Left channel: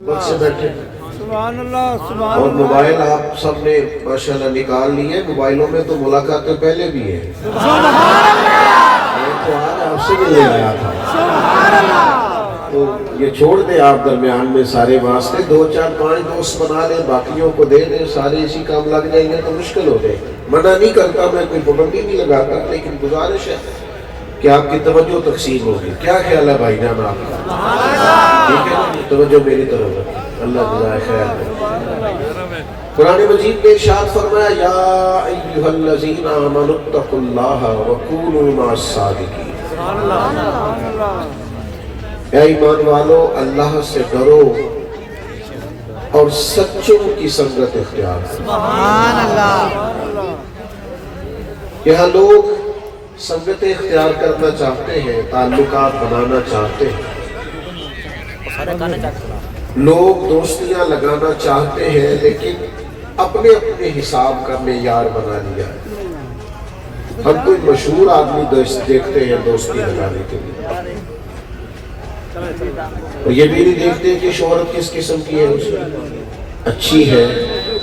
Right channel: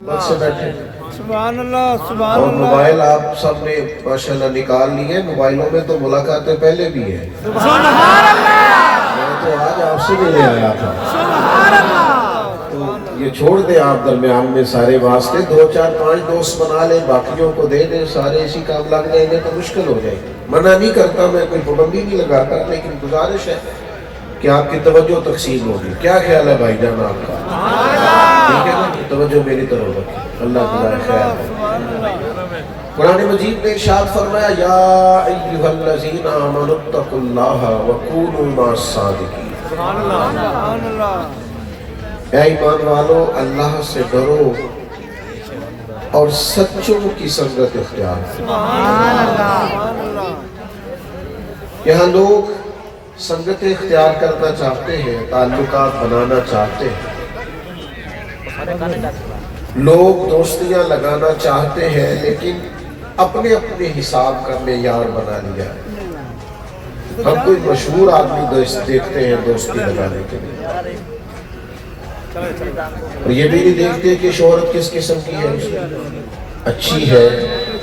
سے بیٹھے سبحان اللہ سبحان اور اللہ موبائل آپ سب نے ماشاءاللہ نکال لیے. موبائلوں میں تو ملاقاتیں پہلے بھی ہیں. میں تو آج آپ سے ملنے آیا تھا, تو یہ چھوڑ دیں آپ درمیان میں سارے واسطے, 2 4 5 دوست بنا لیں, باقیوں کو دے دیں, سارے اسی کام لگ جائیں گے تو مشکل ہو جائے. منع نہیں کرتا میں, کوئی پابندی نہیں لگاتا, لیکن گزارش ہے کہ آپ کی توجہ تقسیم ہوگی. کیا خیال ہے بھائی جان آپ کا؟ ٹھیک ہے نا, توجہ میری طرف ہے. اللہ جزائے خیر ہے. قرآن مجید میں ارشاد فرمایا یا ایھا الذین آمنوا اتقوا اللہ وکونوا مع الصادقین. اے ایمان والو, اللہ سے ڈرو اور سچوں کی سنگت اختیار کرو. یہاں لوگ سنگت اختیار کرنا چاہتے ہیں, تعلقات بنانا چاہتے ہیں, لوگ دوستیاں لگانا چاہتے ہیں, لیکن اپنے اپنے حساب کا معیار بنا لیا. ہم کوئی مشہور آدمی دیکھتے ہیں دوستی لگانے کے لیے, اور یہ بھی نہیں دیکھتے کہ شہرت کس قسم کی ہے, اس کی اچھی ہے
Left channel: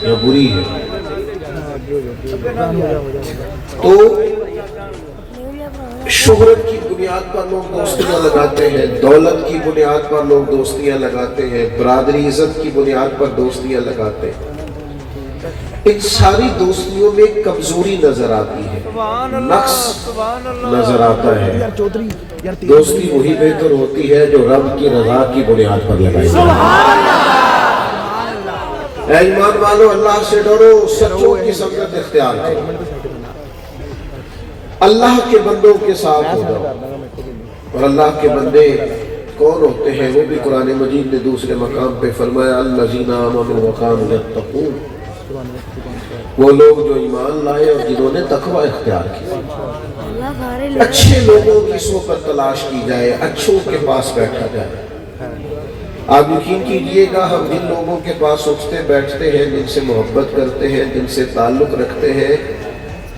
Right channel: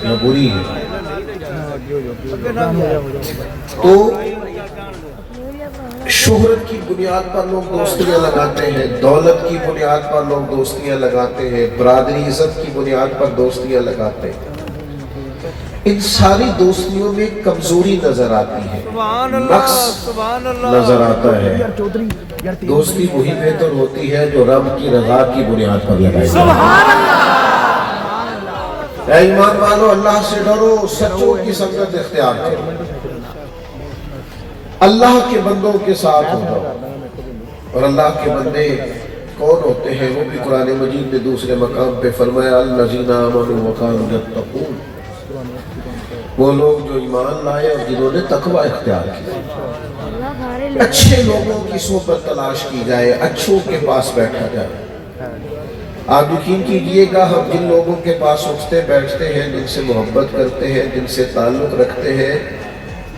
یا بری ہے. تو شہرت کی بنیاد پر لوگ دوستیاں لگاتے ہیں, دولت کی بنیاد پر لوگ دوستیاں لگاتے ہیں, برادری عزت کی بنیاد پر دوستیاں لگاتے ہیں. ان ساری دوستیوں میں کمزوری نظر آتی ہے, نقص نظر آتا ہے. دوستی وہی بہتر ہوتی ہے جو رب کی رضا کی بنیاد پر لگائی جائے. اے ایمان والو, اللہ سے ڈرو, سچوں کی سنگت اختیار کرو, اللہ کے بندوں کے ساتھ ہو. اور اللہ کے بندے کون ہوتے ہیں, وہ بھی قرآن مجید نے دوسرے مقام پہ فرمایا الذین آمنوا وکانوا یتقون. وہ لوگ جو ایمان لائے اور جنہوں نے تقوی اختیار کیا. اچھے لوگوں کی صحبت تلاش کی جائے, اچھوں کے پاس بیٹھا جائے. آپ یقین کیجئے گا, ہم جن لوگوں کے پاس اٹھتے بیٹھتے ہیں, جن سے محبت کرتے ہیں, جن سے تعلق رکھتے ہیں,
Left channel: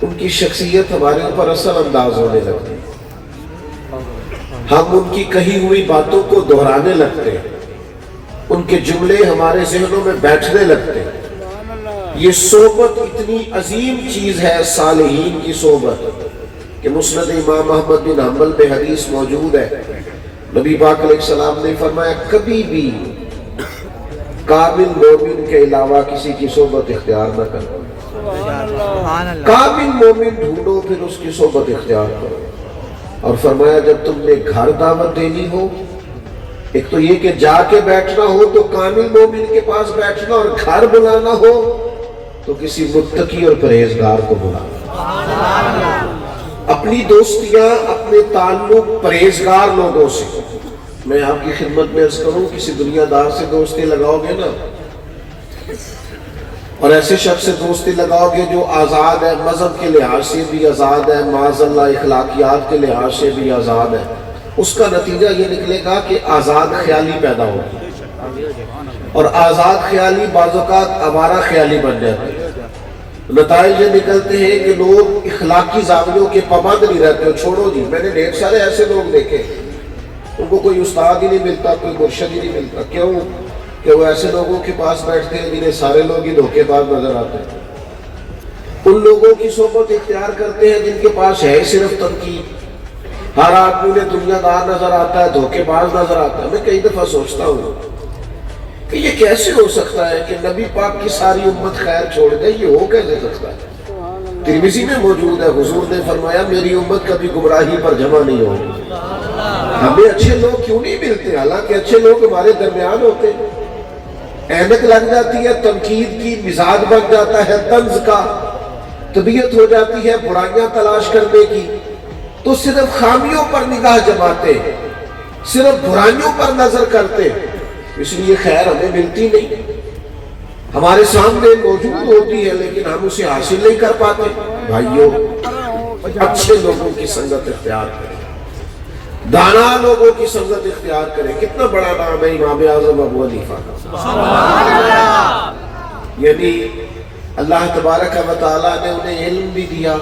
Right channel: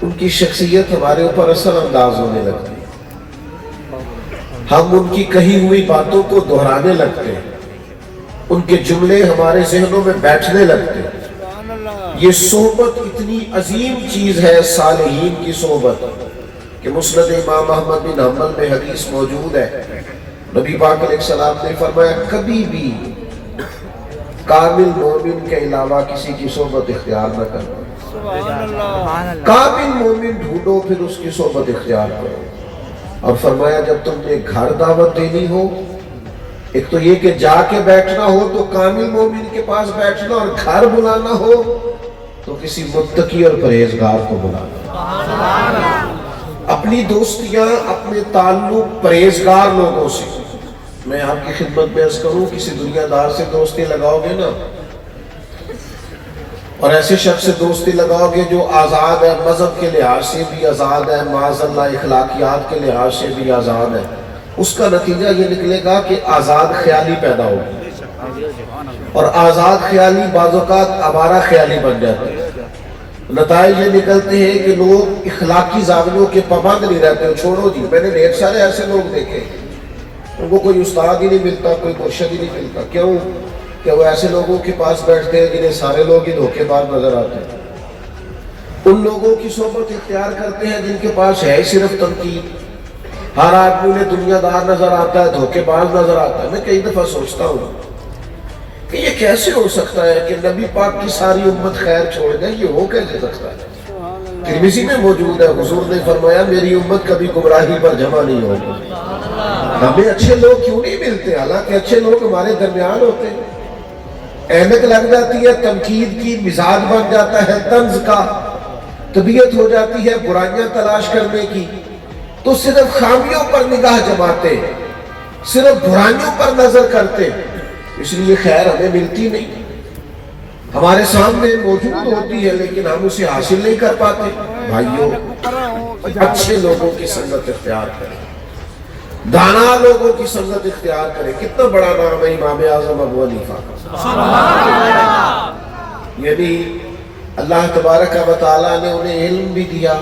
ان کی شخصیت ہمارے اوپر اثر انداز ہونے لگتی ہے. ہم ان کی کہی ہوئی باتوں کو دہرانے لگتے ہیں, ان کے جملے ہمارے ذہنوں میں بیٹھنے لگتے ہیں. یہ صحبت اتنی عظیم چیز ہے, صالحین کی صحبت, کہ مسند امام احمد بن حنبل میں حدیث موجود ہے. نبی پاک علیہ السلام نے فرمایا کبھی بھی کامل مومن کے علاوہ کسی کی صحبت اختیار نہ کرو. کامل مومن ڈھونڈو, پھر اس کی صحبت اختیار کرو. اور فرمایا جب تم نے گھر دعوت دینی ہو, ایک تو یہ کہ جا کے بیٹھنا ہو تو کامل مومن کے پاس بیٹھنا, اور گھر بلانا ہو تو کسی متقی اور پرہیزگار کو بلانا. اپنی دوستیاں, اپنے تعلق پرہیزگار لوگوں سے. میں آپ کی خدمت میں عرض کروں, کسی دنیا دار سے دوستی لگاؤ گے نا, اور ایسے شخص سے دوستی لگاؤ گے جو آزاد ہے, مذہب کے لحاظ سے بھی آزاد ہے, معاذ اللہ اخلاقیات کے لحاظ سے بھی آزاد ہے, اس کا نتیجہ یہ نکلے گا کہ آزاد خیالی پیدا ہوگی, اور آزاد خیالی بعض اوقات آوارہ خیالی بن جاتی ہے. نتائج یہ نکلتے ہیں کہ لوگ اخلاقی زاویوں کے پابند نہیں رہتے. چھوڑو جی, میں نے ڈھیر سارے ایسے لوگ دیکھے, ان کو کوئی استاد ہی نہیں ملتا, کوئی مرشد ہی نہیں ملتا. کیوں کہ وہ ایسے لوگوں کے پاس بیٹھتے ہیں جنہیں سارے لوگ ہی دھوکے باز نظر آتے ہیں. ان لوگوں کی صحبت اختیار کرتے ہیں جن کے پاس ہے صرف تنقید. ہر آدمی نے دنیا دار نظر آتا ہے, دھوکے باز نظر آتا ہے. میں کئی دفعہ سوچتا ہوں کہ یہ کیسے ہو سکتا ہے کہ نبی پاک کی ساری امت خیر چھوڑ گئی, یہ ہو کیسے سکتا ہے؟ ترمذی میں موجود ہے, حضور نے فرمایا میری امت کبھی گمراہی پر جمع نہیں ہوگی. ہمیں اچھے لوگ کیوں نہیں ملتے, حالانکہ اچھے لوگ ہمارے درمیان ہوتے ہیں. احمد لگ جاتی ہے تنقید کی, مزاج بن جاتا ہے طنز کا, طبیعت ہو جاتی ہے برائیاں تلاش کرنے کی, تو صرف خامیوں پر نگاہ جماتے, صرف برائیوں پر نظر کرتے. اس لیے خیر ہمیں ملتی نہیں, ہمارے سامنے موجود ہوتی ہے لیکن ہم اسے حاصل نہیں کر پاتے. بھائیوں, اچھے لوگوں کی سنگت اختیار کریں, دانا لوگوں کی سنگت اختیار کریں. کتنا بڑا نام ہے امام اعظم ابو حنیفہ. یعنی اللہ تبارک و تعالیٰ نے انہیں علم بھی دیا,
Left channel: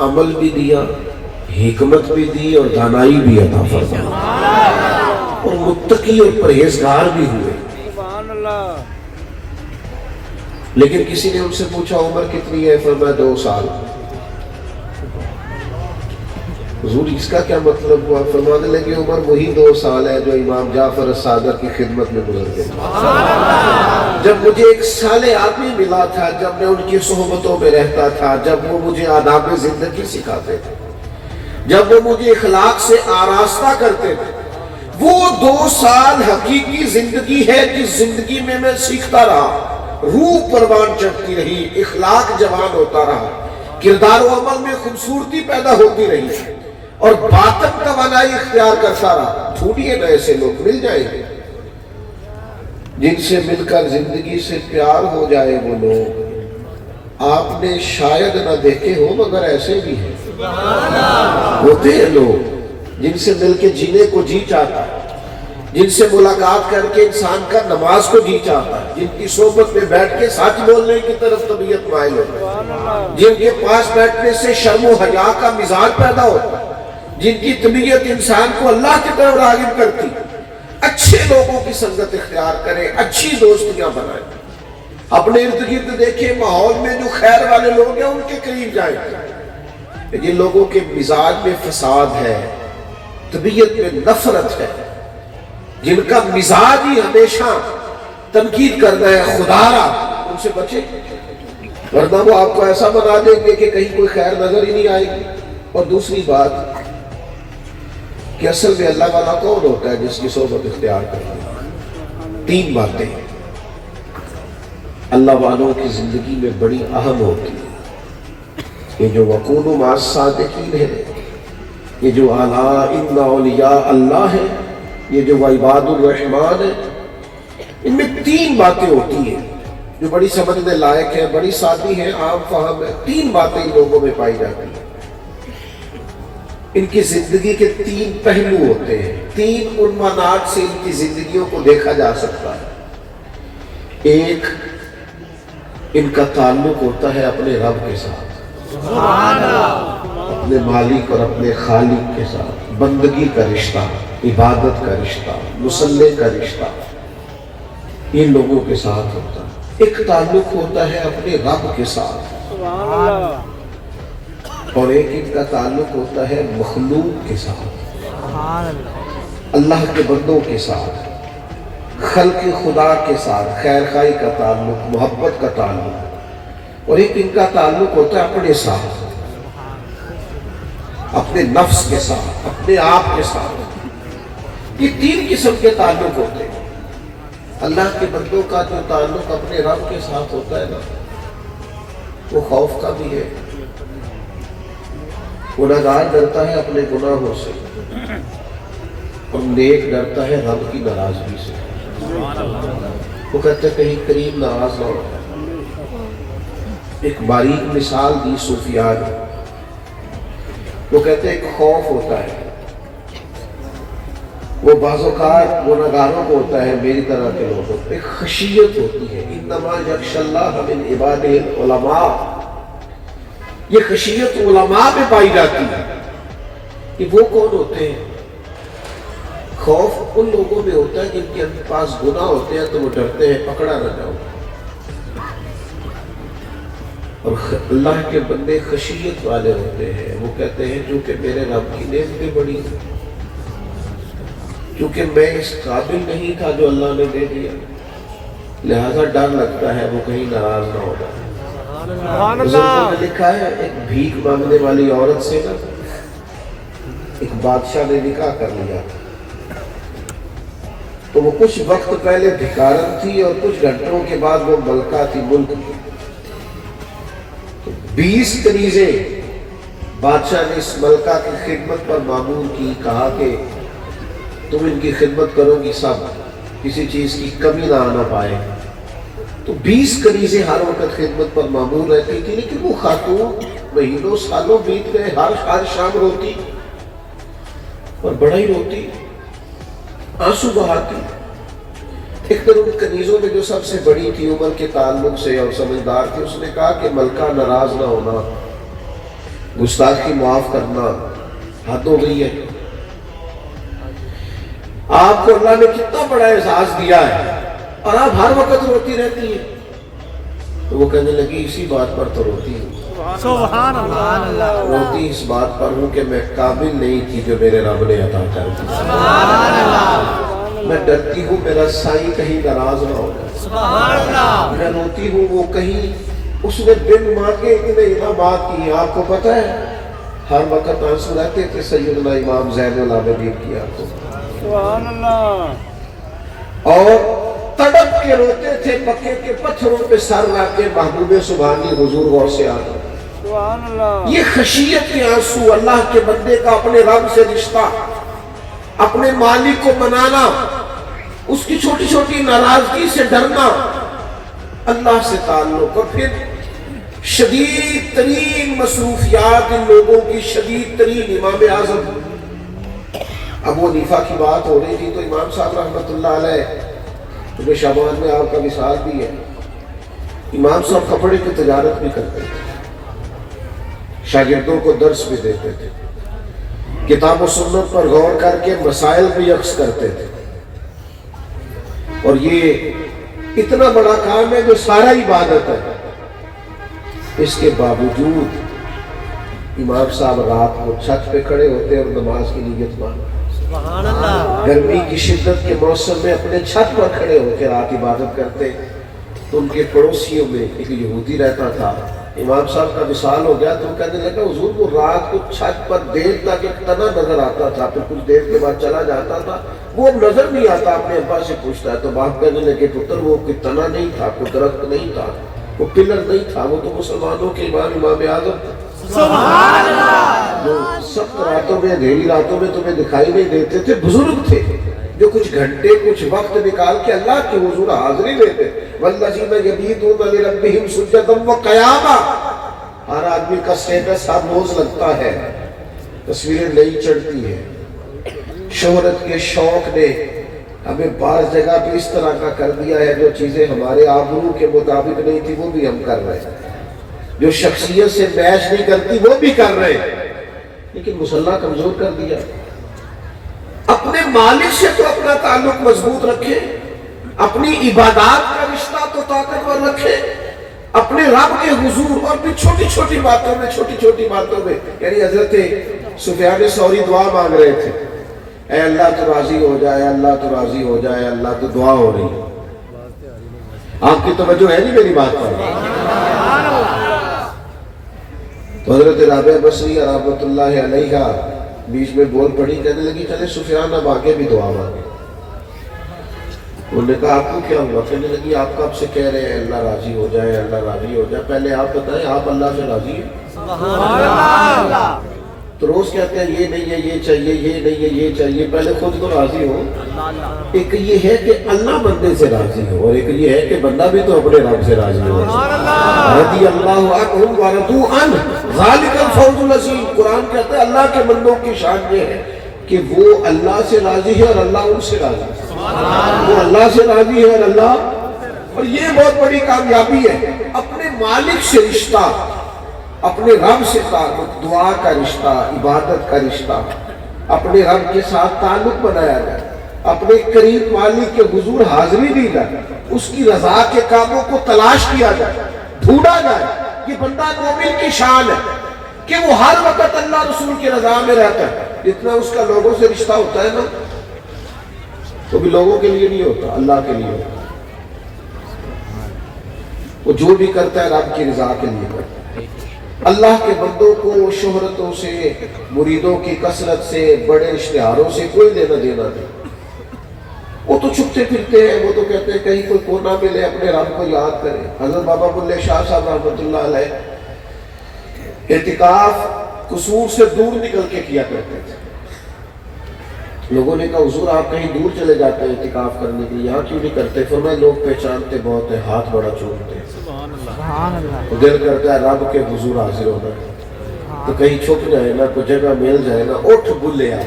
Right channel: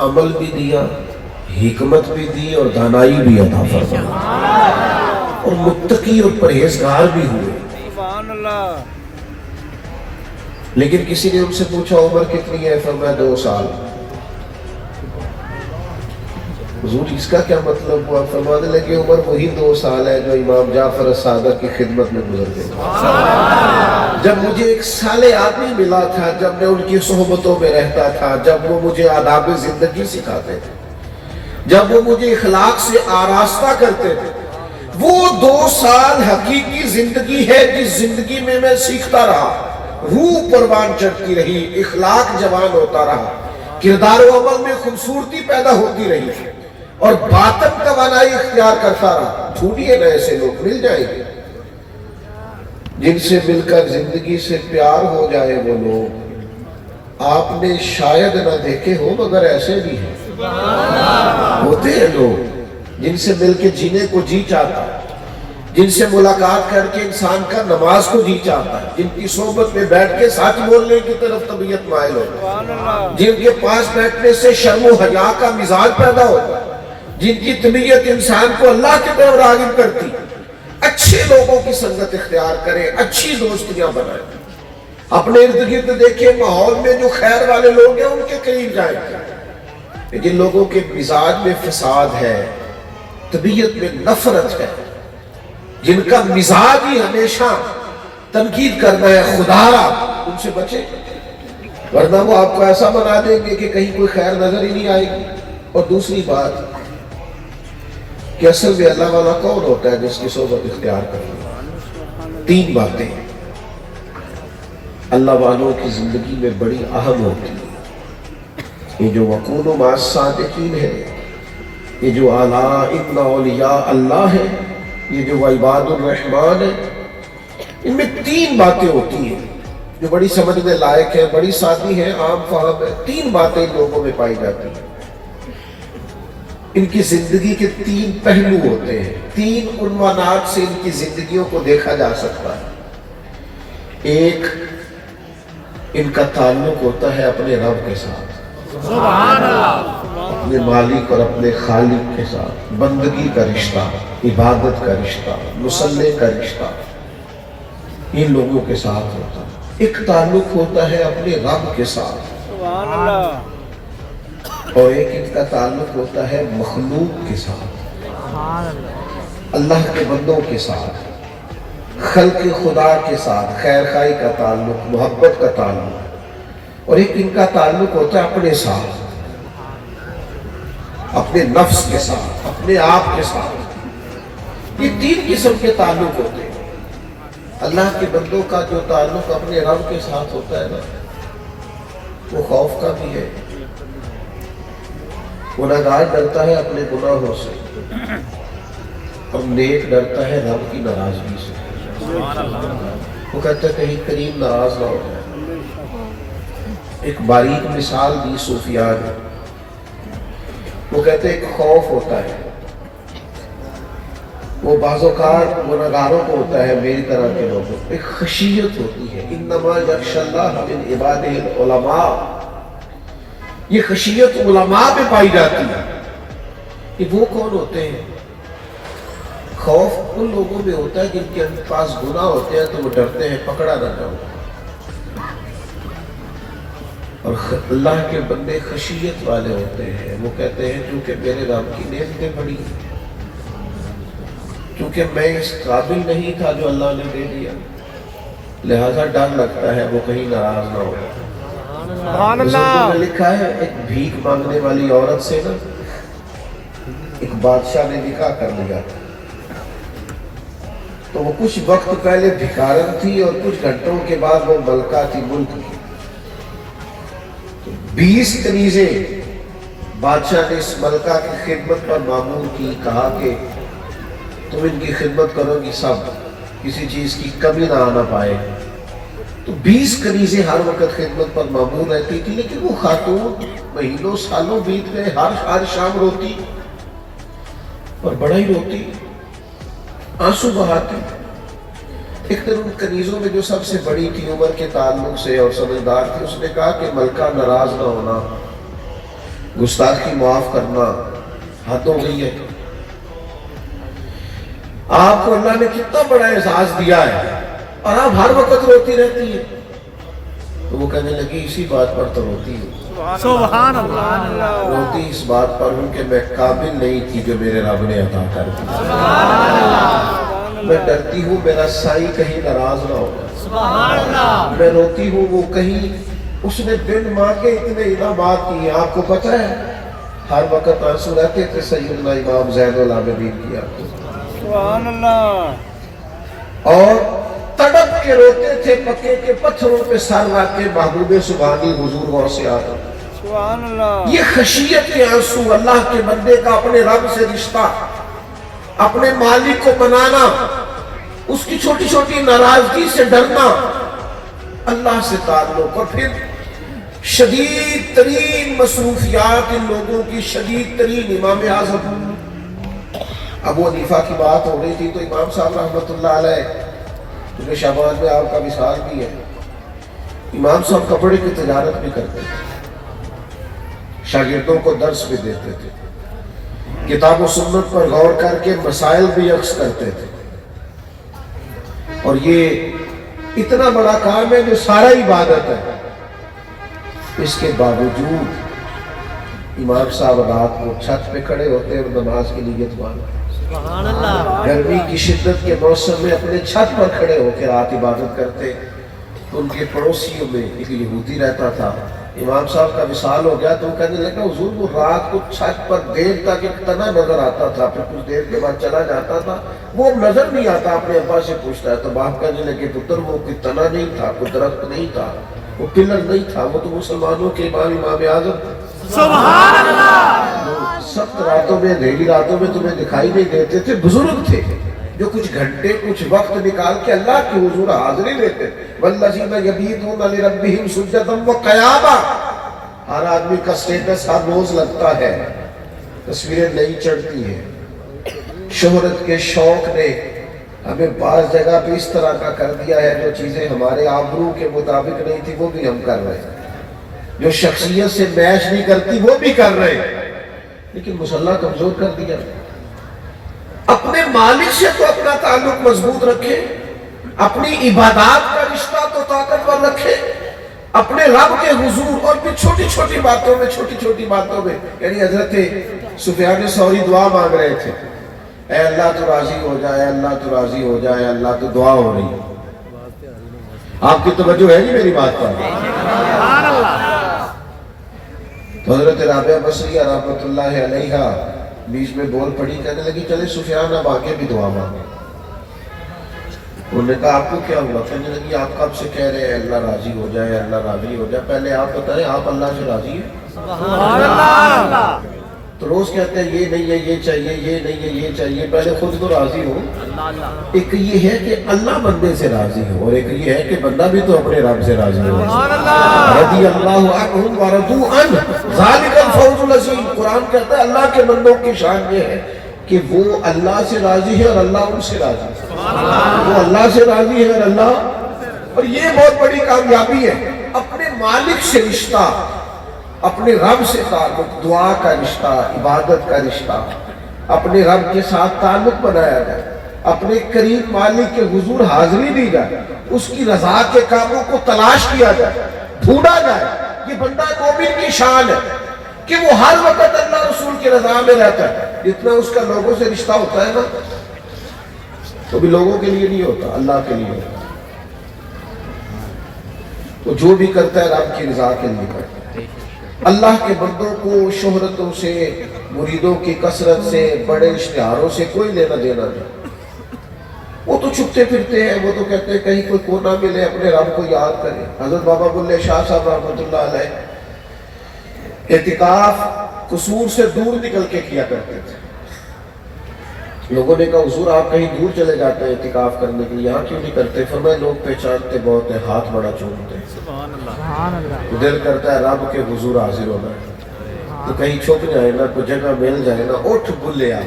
عمل بھی دیا, حکمت بھی دی, اور دانائی بھی عطا فرمائی, اور متقی اور پرہیزگار بھی ہوئے. لیکن کسی نے ان سے پوچھا عمر کتنی ہے؟ فرمایا 2 سال۔ حضور اس کا کیا مطلب ہوا؟ فرمانے لگے عمر وہی 2 سال ہے جو امام جعفر الصادق کی خدمت میں گزر گئے۔ جب مجھے ایک صالح آدمی ملا تھا، جب میں ان کی صحبتوں میں رہتا تھا، جب وہ مجھے آداب زندگی سکھاتے تھے، جب وہ مجھے اخلاق سے آراستہ کرتے تھے، وہ 2 سال حقیقی زندگی ہے جس زندگی میں میں سیکھتا رہا، روح پروان چڑھتی رہی، اخلاق جوان ہوتا رہا، کردار و عمل میں خوبصورتی پیدا ہوتی رہی اور باطن کا توانائی اختیار کرتا رہا۔ ڈھونڈیے نہ ایسے لوگ، مل جائیں گے جن سے مل کر زندگی سے پیار ہو جائے۔ وہ لوگ آپ نے شاید نہ دیکھے ہو مگر ایسے بھی ہیں، ہوتے ہیں لوگ جن سے مل کے جینے کو جی چاہتا ہے، جن سے ملاقات کر کے انسان کا نماز کو جی چاہتا ہے، جن کی صحبت میں بیٹھ کے سچ بولنے کی طرف طبیعت مائل ہوتا ہے، جن کے پاس بیٹھنے سے شرم و حیا کا مزاج پیدا ہوتا ہے، جن کی طبیعت انسان کو اللہ کی طرف راغب کرتی۔ اچھے لوگوں کی سنگت اختیار کریں، اچھی دوستیاں بنائیں، اپنے ارد گرد دیکھیں ماحول میں جو خیر والے لوگ ہیں ان کے قریب جائیں۔ جن لوگوں کے مزاج میں فساد ہے، طبیعت میں نفرت ہے، جن کا مزاج ہی ہمیشہ تنقید کرنا ہے، خدا را ان سے بچیں، ورنہ وہ آپ کو ایسا بنا دیں گے کہ کہیں کوئی خیر نظر ہی نہیں آئے گی۔ اور دوسری بات کہ اصل میں اللہ والا کون ہوتا ہے جس کی صحبت اختیار کرنا؟ 3 باتیں اللہ والوں کی زندگی میں بڑی اہم ہوتی ہیں۔ یہ جو وَكُونُوا مَعَ الصَّادِقِينَ ہے، یہ جو اَلَا إِنَّ أَوْلِيَاءَ اللَّهِ ہے، یہ جو عباد الرحمن ہے، ان میں 3 باتیں ہوتی ہیں جو بڑی سمجھنے لائق ہیں، بڑی سادی ہیں، عام فہم ہے۔ 3 باتیں ان لوگوں میں پائی جاتی ہیں۔ ان کی زندگی کے 3 پہلو ہوتے ہیں، 3 عنوانات سے ان کی زندگیوں کو دیکھا جا سکتا ہے۔ ایک، ان کا تعلق ہوتا ہے اپنے رب کے ساتھ، اپنے مالک اور اپنے خالق کے ساتھ، بندگی کا رشتہ، عبادت کا رشتہ، مصلح کا رشتہ ان لوگوں کے ساتھ ہوتا ہے۔ ایک تعلق ہوتا ہے اپنے رب کے ساتھ، اور ایک ان کا تعلق ہوتا ہے مخلوق کے ساتھ، اللہ کے بندوں کے ساتھ، خلق خدا کے ساتھ، خیر خائی کا تعلق، محبت کا تعلق، اور ایک ان کا تعلق ہوتا ہے اپنے ساتھ، اپنے نفس کے ساتھ، اپنے آپ کے ساتھ۔ یہ 3 قسم کے تعلق ہوتے ہیں۔ اللہ کے بندوں کا جو تعلق اپنے رب کے ساتھ ہوتا ہے نا، وہ خوف کا بھی ہے۔ گناہگار ڈرتا ہے اپنے گناہوں سے، اور نیک ڈرتا ہے رب کی ناراضگی سے۔ وہ کہتا ہے کہیں کریم ناراض نہ ہو جائے۔ ایک باریک مثال دی صوفیاء نے، وہ کہتے ہیں ایک خوف ہوتا ہے، وہ بعض اوقات گناہگاروں کو ہوتا ہے، میری طرح کے لوگوں کو ایک خشیت ہوتی ہے۔ انما یخشی اللہ من عبادہ العلماء، یہ خشیت علماء پہ پائی جاتی ہے۔ کہ وہ کون ہوتے ہیں؟ خوف ان لوگوں میں ہوتا ہے جن کے پاس گناہ ہوتے ہیں تو وہ ڈرتے ہیں پکڑا نہ جاؤ، اور اللہ کے بندے خشیت والے ہوتے ہیں، وہ کہتے ہیں چونکہ میرے رب کی نعمتیں بڑی ہیں، کیونکہ میں اس قابل نہیں تھا جو اللہ نے دے دیا، لہذا ڈر لگتا ہے وہ کہیں ناراض نہ ہو جائے۔ بزرگوں نے لکھا ہے ایک بھیک مانگنے والی عورت سے نا ایک بادشاہ نے نکاح کر لیا، تو وہ کچھ وقت پہلے بھکارن تھی اور کچھ گھنٹوں کے بعد وہ ملکہ تھی، ملک کی۔ 20 کنیزیں بادشاہ نے اس ملکہ کی خدمت پر معمول کی، کہا کہ تم ان کی خدمت کرو گی، سب کسی چیز کی کمی نہ آنا پائے۔ تو 20 کنیزیں ہر وقت خدمت پر معمول رہتی تھی، لیکن وہ خاتون مہینوں سالوں بیت گئے، ہر شام روتی اور بڑا ہی روتی، آنسو بہاتی۔ ایک دن ان کنیزوں میں جو سب سے بڑی تھی عمر کے تعلق سے اور سمجھدار تھی، اس نے کہا کہ ملکہ ناراض نہ ہونا، گستاخی معاف کرنا، حد ہو گئی ہے۔ آپ کو اللہ نے کتنا بڑا اعزاز دیا ہے اور آپ ہر وقت روتی رہتی ہیں۔ تو وہ کہنے لگی اسی بات پر تو روتی ہوں، سبحان اللہ روتی اس بات پر ہوں کہ میں قابل نہیں تھی جو میرے رب نے عطا کر دی، میں ڈرتی ہوں میرا سائی کہیں ناراض نہ ہو جائے، میں روتی ہوں وہ کہیں اس نے بن مانگے اتنے انعامات کیے۔ آپ کو پتہ ہے ہر وقت آنسو رہتے تھے سیدنا امام زین العابدین کی آنکھوں، سبحان اللہ اور تڑپ کے روتے تھے، پکے کے پتھروں پہ سر رکھ کے محبوب سبحانی حضور غور سے آتا۔ سبحان اللہ یہ خشیت کے آنسو، اللہ کے بندے کا اپنے رب سے رشتہ، اپنے مالک کو منانا، اس کی چھوٹی چھوٹی ناراضگی سے ڈرنا، اللہ سے تعلق، اور پھر شدید ترین مصروفیات ان لوگوں کی، شدید ترین امام اعظم ابو حنیفہ کی بات ہو رہی تھی تو امام صاحب رحمۃ اللہ علیہ، کیونکہ شعبان میں آپ کا مثال بھی ہے، امام صاحب کپڑے کی تجارت بھی کرتے تھے، شاگردوں کو درس بھی دیتے تھے، کتاب و سنت پر غور کر کے مسائل بھی عکس کرتے تھے، اور یہ اتنا بڑا کام ہے جو سارا عبادت ہے، اس کے باوجود امام صاحب رات کو چھت پہ کھڑے ہوتے اور نماز کی نیت مانتے، گرمی کی شدت کے موسم میں اپنے چھت پر کھڑے ہو کے رات عبادت کرتے۔ تو ان کے پڑوسیوں میں ایک یہودی رہتا تھا، امام صاحب کا وصال ہو گیا تو وہ کہنے لگا حضور وہ رات کو چھت پر دیر تک ایک تنا نظر آتا تھا، پھر کچھ دیر کے بعد چلا جاتا تھا، وہ نظر نہیں آتا، اپنے ابا سے پوچھتا ہے تو باپ کہنے لگے پتر وہ کوئی تنا نہیں تھا، کوئی درخت نہیں تھا، وہ پلر نہیں تھا، وہ تو مسلمانوں کے امام اعظم تھا، سبحان اللہ جو سخت راتوں میں اندھیری راتوں میں تمہیں دکھائی نہیں دیتے تھے، بزرگ تھے جو کچھ گھنٹے کچھ وقت نکال کے اللہ کے حضور حاضری لیتے۔ والذین یبیتون لربہم سجدا وقیاما، ہر آدمی کا سٹیٹس ہر روز لگتا ہے، تصویریں نہیں چڑھتی ہیں، شہرت کے شوق نے ہمیں بعض جگہ پہ اس طرح کا کر دیا ہے، جو چیزیں ہمارے آبرو کے مطابق نہیں تھی وہ بھی ہم کر رہے ہیں، جو شخصیت سے میچ نہیں کرتی وہ بھی کر رہے ہیں، لیکن مسلح کمزور کر دیا۔ اپنے مالک سے تو اپنا تعلق مضبوط رکھے، اپنی عبادات کا رشتہ تو طاقتور رکھے، اپنے رب کے حضور، اور پھر چھوٹی چھوٹی باتوں میں یعنی حضرت سفیان ثوری دعا مانگ رہے تھے، اے اللہ تو راضی ہو جائے، اللہ تو راضی ہو جائے، اللہ تو دعا ہو رہی ہے، آپ کی توجہ ہے نہیں میری بات پر؟ تو حضرت رابعہ بصریہ رحمۃ اللہ علیہ بیچ میں بول پڑی، کہنے لگی چلے سفیان اب آگے بھی دعا مانگے۔ انہوں نے کہا آپ کو کیا ہوا؟ کہنے لگی آپ کب سے کہہ رہے ہیں اللہ راضی ہو جائے، اللہ راضی ہو جائے، پہلے آپ بتائیں آپ اللہ سے راضی ہیں؟ سبحان اللہ تو روز کہتے ہیں یہ نہیں ہے یہ چاہیے، یہ نہیں ہے یہ چاہیے، پہلے خود تو راضی ہو۔ ایک یہ ہے کہ اللہ بندے سے راضی ہو، اور ایک یہ ہے کہ بندہ بھی تو اپنے رب سے راضی ہو۔ رضی اللہ عنہم ورضوا عنہ ذالک الفوز العظیم، قرآن کہتا ہے اللہ کے بندوں کی شان یہ ہے کہ وہ اللہ سے راضی ہے اور اللہ ان سے راضی ہے، وہ اللہ سے راضی ہے اور اللہ، اور یہ بہت بڑی کامیابی ہے۔ اپنے مالک سے رشتہ، اپنے رب سے تعلق، دعا کا رشتہ، عبادت کا رشتہ، اپنے رب کے ساتھ تعلق بنایا جائے، اپنے قریب مالک کے حضور حاضری دی جائے، اس کی رضا کے کاموں کو تلاش کیا جائے، ڈھونڈا جائے۔ یہ بندہ مومن کی شان ہے کہ وہ ہر وقت اللہ رسول کی رضا میں رہتا ہے، جتنا اس کا لوگوں سے رشتہ ہوتا ہے نا تو بھی لوگوں کے لیے نہیں ہوتا، اللہ کے لیے ہوتا۔ وہ جو بھی کرتا ہے رب کی رضا کے لیے کرتا ہے۔ اللہ کے بندوں کو شہرتوں سے، مریدوں کی کثرت سے، بڑے اشتہاروں سے کوئی لینا دینا نہیں۔ وہ تو چھپتے پھرتے ہیں، وہ تو کہتے ہیں کہیں کوئی کونا ملے اپنے رب کو یاد کرے۔ حضرت بابا بلے شاہ صاحب رحمۃ اللہ علیہ اعتکاف قصور سے دور نکل کے کیا کرتے تھے۔ لوگوں نے کہا حضور آپ کہیں دور چلے جاتے ہیں اعتکاف کرنے کے لیے، یہاں کیوں نہیں کرتے؟ فرمایا لوگ پہچانتے بہت ہیں، ہاتھ بڑا چومتے ہیں، دل کرتا ہے رب کے حضور حاضر ہونا ہے، تو کہیں چھپ جائے گا، کوئی جگہ مل جائے گا، اٹھ بلے آ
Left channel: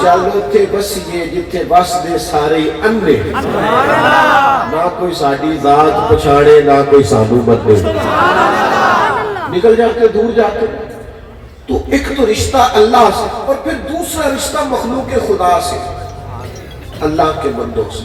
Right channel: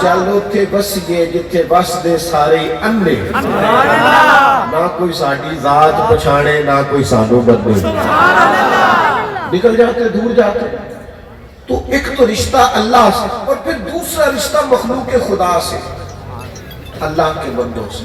چلو تھے بس یہ جتھے بس دے سارے انے، نہ کوئی ساڈی ذات پچھاڑے نہ کوئی سانو بدلے، نکل جاتے دور جاتے۔ تو ایک تو رشتہ اللہ سے، اور پھر دوسرا رشتہ مخلوق خدا سے، اللہ کے بندوں سے۔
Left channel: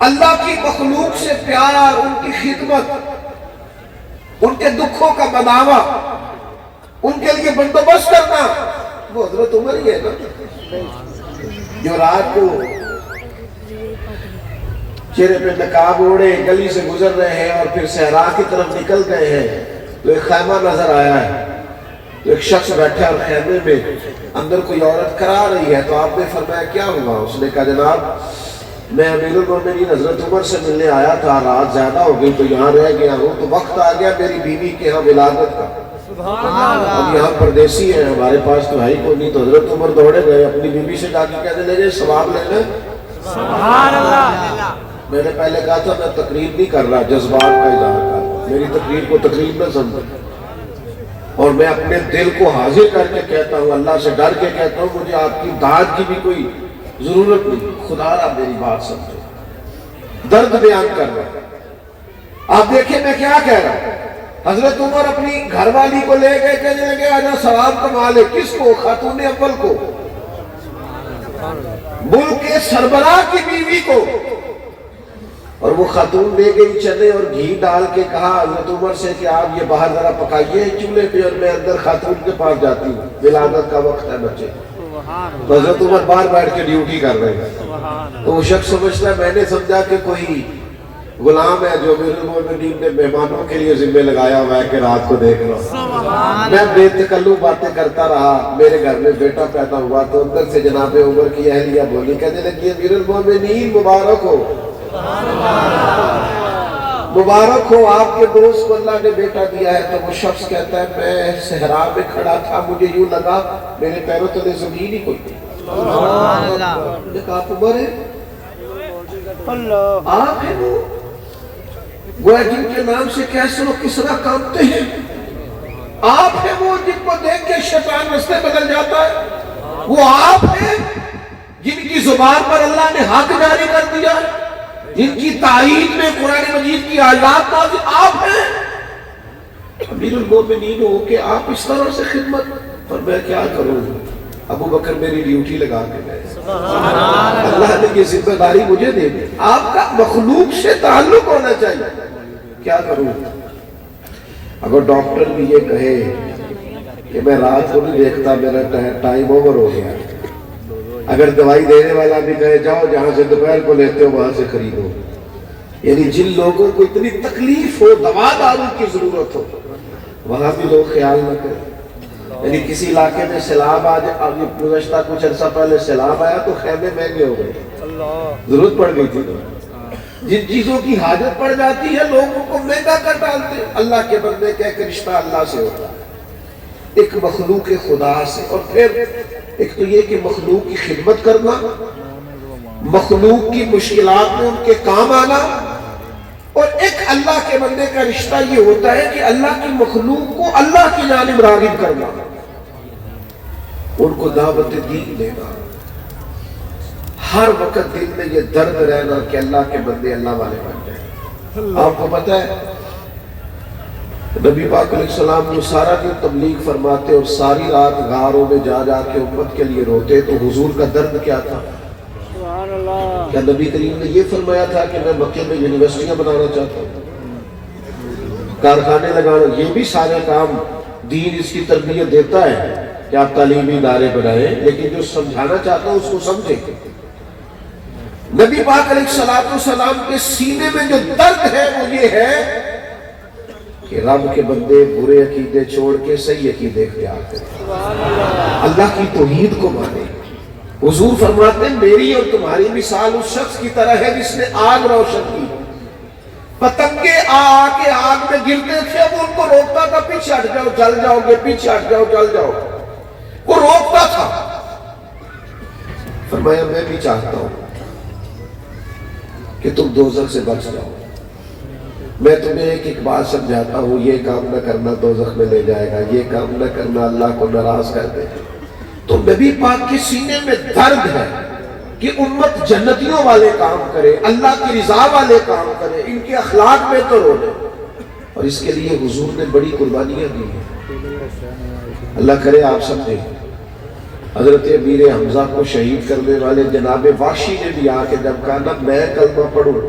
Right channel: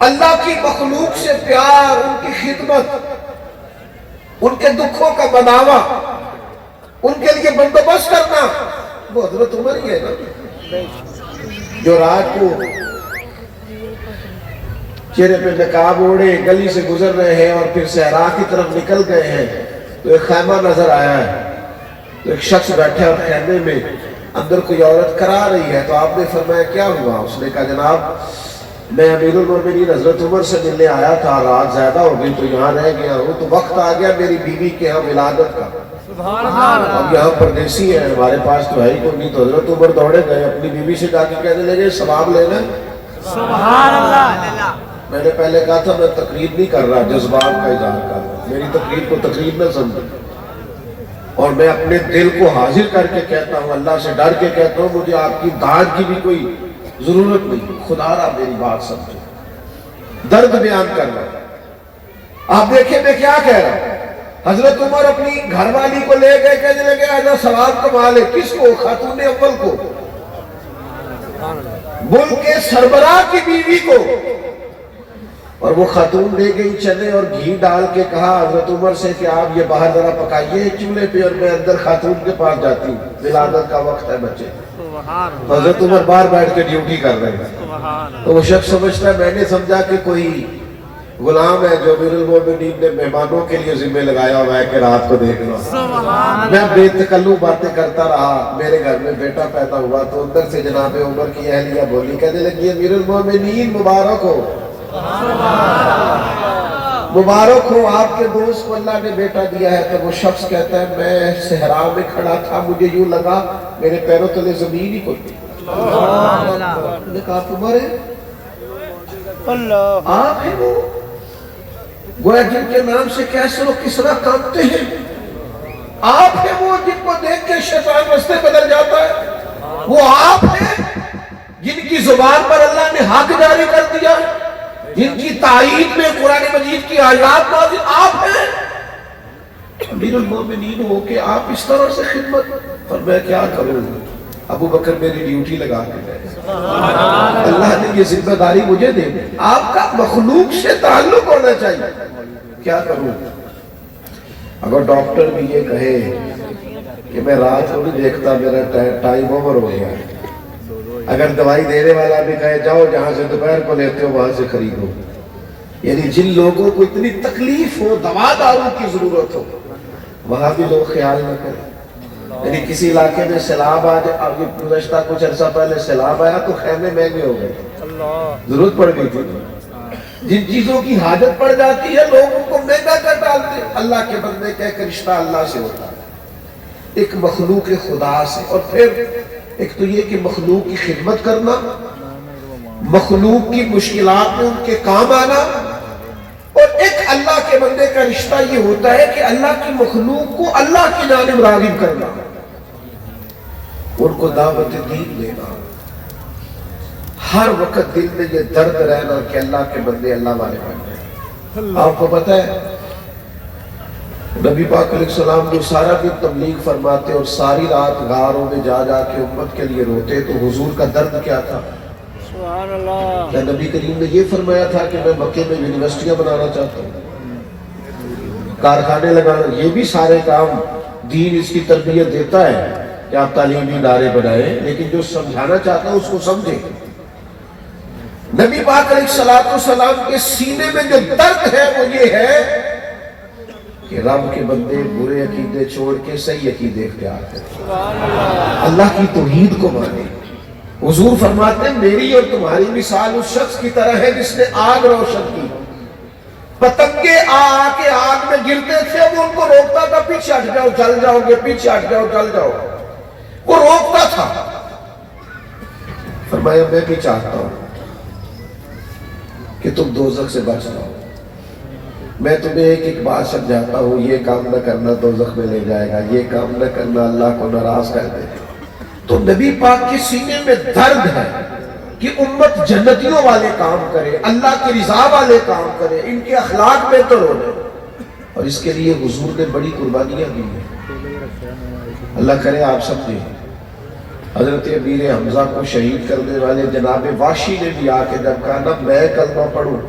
اللہ کی مخلوق سے پیار، ان کی خدمت، ان کے دکھوں کا مناوا، ان کے لیے بندوبست کرنا، وہ حضرت عمر ہی ہے نا، جو رات کو چہرے پہ نقاب اوڑے گلی سے گزر رہے ہیں اور پھر صحرا کی طرف نکل گئے ہیں تو ایک خیمہ نظر آیا ہے، تو ایک شخص بیٹھا ہے اور خیمے میں اندر کوئی عورت کرا رہی ہے، تو آپ نے فرمایا کیا ہوا؟ اس نے کہا جناب میں امیر المومنین حضرت عمر سے ملنے آیا تھا، رات زیادہ ہو گئی تو یہاں رہ گیا ہوں، تو وقت آ گیا میری بیوی کے ہاں ولادت کا، اب یہاں پردیسی ہے، ہمارے پاس تو ہے ہی کوئی نہیں، تو حضرت عمر دوڑے گئے اپنی بیوی سے جا کے کہنے لگے ثواب لینا۔ سبحان اللہ۔ میں نے پہلے کہا تھا میں تقریر نہیں کر رہا، جذبات کا اظہار کر رہا، میری تقریر کو تقریر نہ سمجھیں، اور میں اپنے دل کو حاضر کر کے کہتا ہوں، اللہ سے ڈر کے کہتا ہوں، مجھے آپ کی داد کی بھی کوئی ضرورت نہیں، خدا را میری بات سمجھو، درد بیان کر رہا ہوں۔ آپ دیکھیں میں کیا کہہ رہا ہوں، حضرت عمر اپنی گھر والی کو لے گئے، کہنے لگے آجا ثواب کما لے، کس کو؟ خاتون اول کو، ملک کے سربراہ کی بیوی کو، اور وہ خاتون لے گئی چنے اور گھی ڈال کے کہا حضرت عمر سے کہ آپ یہ باہر ذرا پکائیے چولہے پہ اور میں اندر خاتون کے پاس جاتی ہوں، ولادت کا وقت ہے بچے۔ تو حضرت عمر باہر بیٹھ کے ڈیوٹی کر رہے ہیں، تو وہ شخص سمجھتا ہے میں نے سمجھا کہ کوئی غلام ہے جو امیر المومنین نے مہمانوں کے لیے ذمہ لگایا ہوا ہے کہ رات کو دیکھ لو۔ میں بے تکلف باتیں کرتا رہا، میرے گھر میں بیٹا پیدا ہوا تو اندر سے جناب عمر کی اہلیہ بولی، کہنے لگی امیر المومنین مبارک ہو، مبارک ہو، آپ کے دوست کو اللہ نے بیٹا دیا ہے۔ تو وہ شخص کہتا ہے میں صحرا میں کھڑا تھا، مجھے یوں لگا میرے پیروں تلے زمین ہی کوئی نہیں۔ نے کہا آپ عمر ہے؟ آپ ہیں وہ گویا جن کے نام سے کیسے وہ کسرا کانپتے ہیں، آپ ہیں وہ جن کو دیکھ کے شیطان رستے بدل جاتا ہے، وہ آپ ہیں جن کی زبان پر اللہ نے حق جاری کر دیا ہے، جن کی تائید میں قرآن مجید کی آیات نازل، آپ ہیں امیر المومنین ہو کہ آپ اس طرح سے خدمت، اور میں کیا کروں؟ ابو بکر میری ڈیوٹی لگا کے گئے، اللہ نے یہ ذمہ داری مجھے دے دی، آپ کا مخلوق سے تعلق ہونا چاہیے، کیا کروں؟ اگر ڈاکٹر بھی یہ کہے کہ میں رات کو نہیں دیکھتا میرا ٹائم اوور ہو گیا، اگر دوائی دینے والا بھی کہے جاؤ جہاں سے دوپہر کو لیتے ہو وہاں سے خریدو، یعنی جن لوگوں کو اتنی تکلیف ہو، دوا دارو کی ضرورت ہو، وہاں بھی لوگ خیال نہ کریں۔ یعنی کسی علاقے میں سیلاب آ جائے، ابھی گزشتہ کچھ عرصہ پہلے سیلاب آیا تو خیمے مہنگے ہو گئے، ضرورت پڑ گئی تھی، جن چیزوں کی حاجت پڑ جاتی ہے لوگوں کو مہنگا کر ڈالتے۔ اللہ کے بندے کا ایک رشتہ اللہ سے ہوتا ہے، ایک مخلوق خدا سے، اور پھر ایک تو یہ کہ مخلوق کی خدمت کرنا، مخلوق کی مشکلات میں ان کے کام آنا، اور ایک اللہ کے بندے کا رشتہ یہ ہوتا ہے کہ اللہ کی مخلوق کو اللہ کی جانب راغب کرنا، ان کو دعوت دین دینا، ہر وقت دل میں یہ درد رہنا کہ اللہ کے بندے اللہ والے بن جائیں۔ آپ کو پتہ ہے نبی پاک علیہ السلام جو سارا دن تبلیغ فرماتے اور ساری رات غاروں میں جا جا کے امت کے لیے روتے، تو حضور کا درد کیا تھا؟ کیا نبی کریم نے یہ فرمایا تھا کہ میں مکے میں یونیورسٹیاں بنانا چاہتا ہوں، کارخانے لگانا؟ یہ بھی سارے کام دین اس کی تربیت دیتا ہے کہ آپ تعلیمی ادارے بنائیں، لیکن جو سمجھانا چاہتا ہے اس کو سمجھیں۔ نبی پاک علیہ السلام کے سینے میں جو درد ہے وہ یہ ہے کہ رب کے بندے برے عقیدے چھوڑ کے صحیح عقیدے اختیار کریں، اللہ کی توحید کو مانیں۔ حضور فرماتے ہیں میری اور تمہاری مثال اس شخص کی طرح ہے جس نے آگ روشن کی، پتنگے آ کے آگ میں گرتے تھے، وہ ان کو روکتا تھا پیچھے ہٹ جاؤ جل جاؤ گے، پیچھے ہٹ جاؤ جل جاؤ، وہ روکتا تھا۔ فرمایا میں بھی چاہتا ہوں کہ تم دوزخ سے بچ جاؤ، میں تمہیں ایک بات سمجھاتا ہوں، یہ کام نہ کرنا دوزخ میں لے جائے گا، یہ کام نہ کرنا اللہ کو ناراض کر دے گا۔ تو نبی پاک کے سینے میں درد ہے کہ امت جنتیوں والے کام کرے، اللہ کی رضا والے کام کرے، ان کے اخلاق بہتر ہو جائے، اور اس کے لیے حضور نے بڑی قربانیاں دی ہیں۔ اللہ کرے آپ سمجھیں۔ حضرت امیر حمزہ کو شہید کرنے والے جناب واشی نے بھی آ کے جب کہا نا میں کلمہ پڑھوں،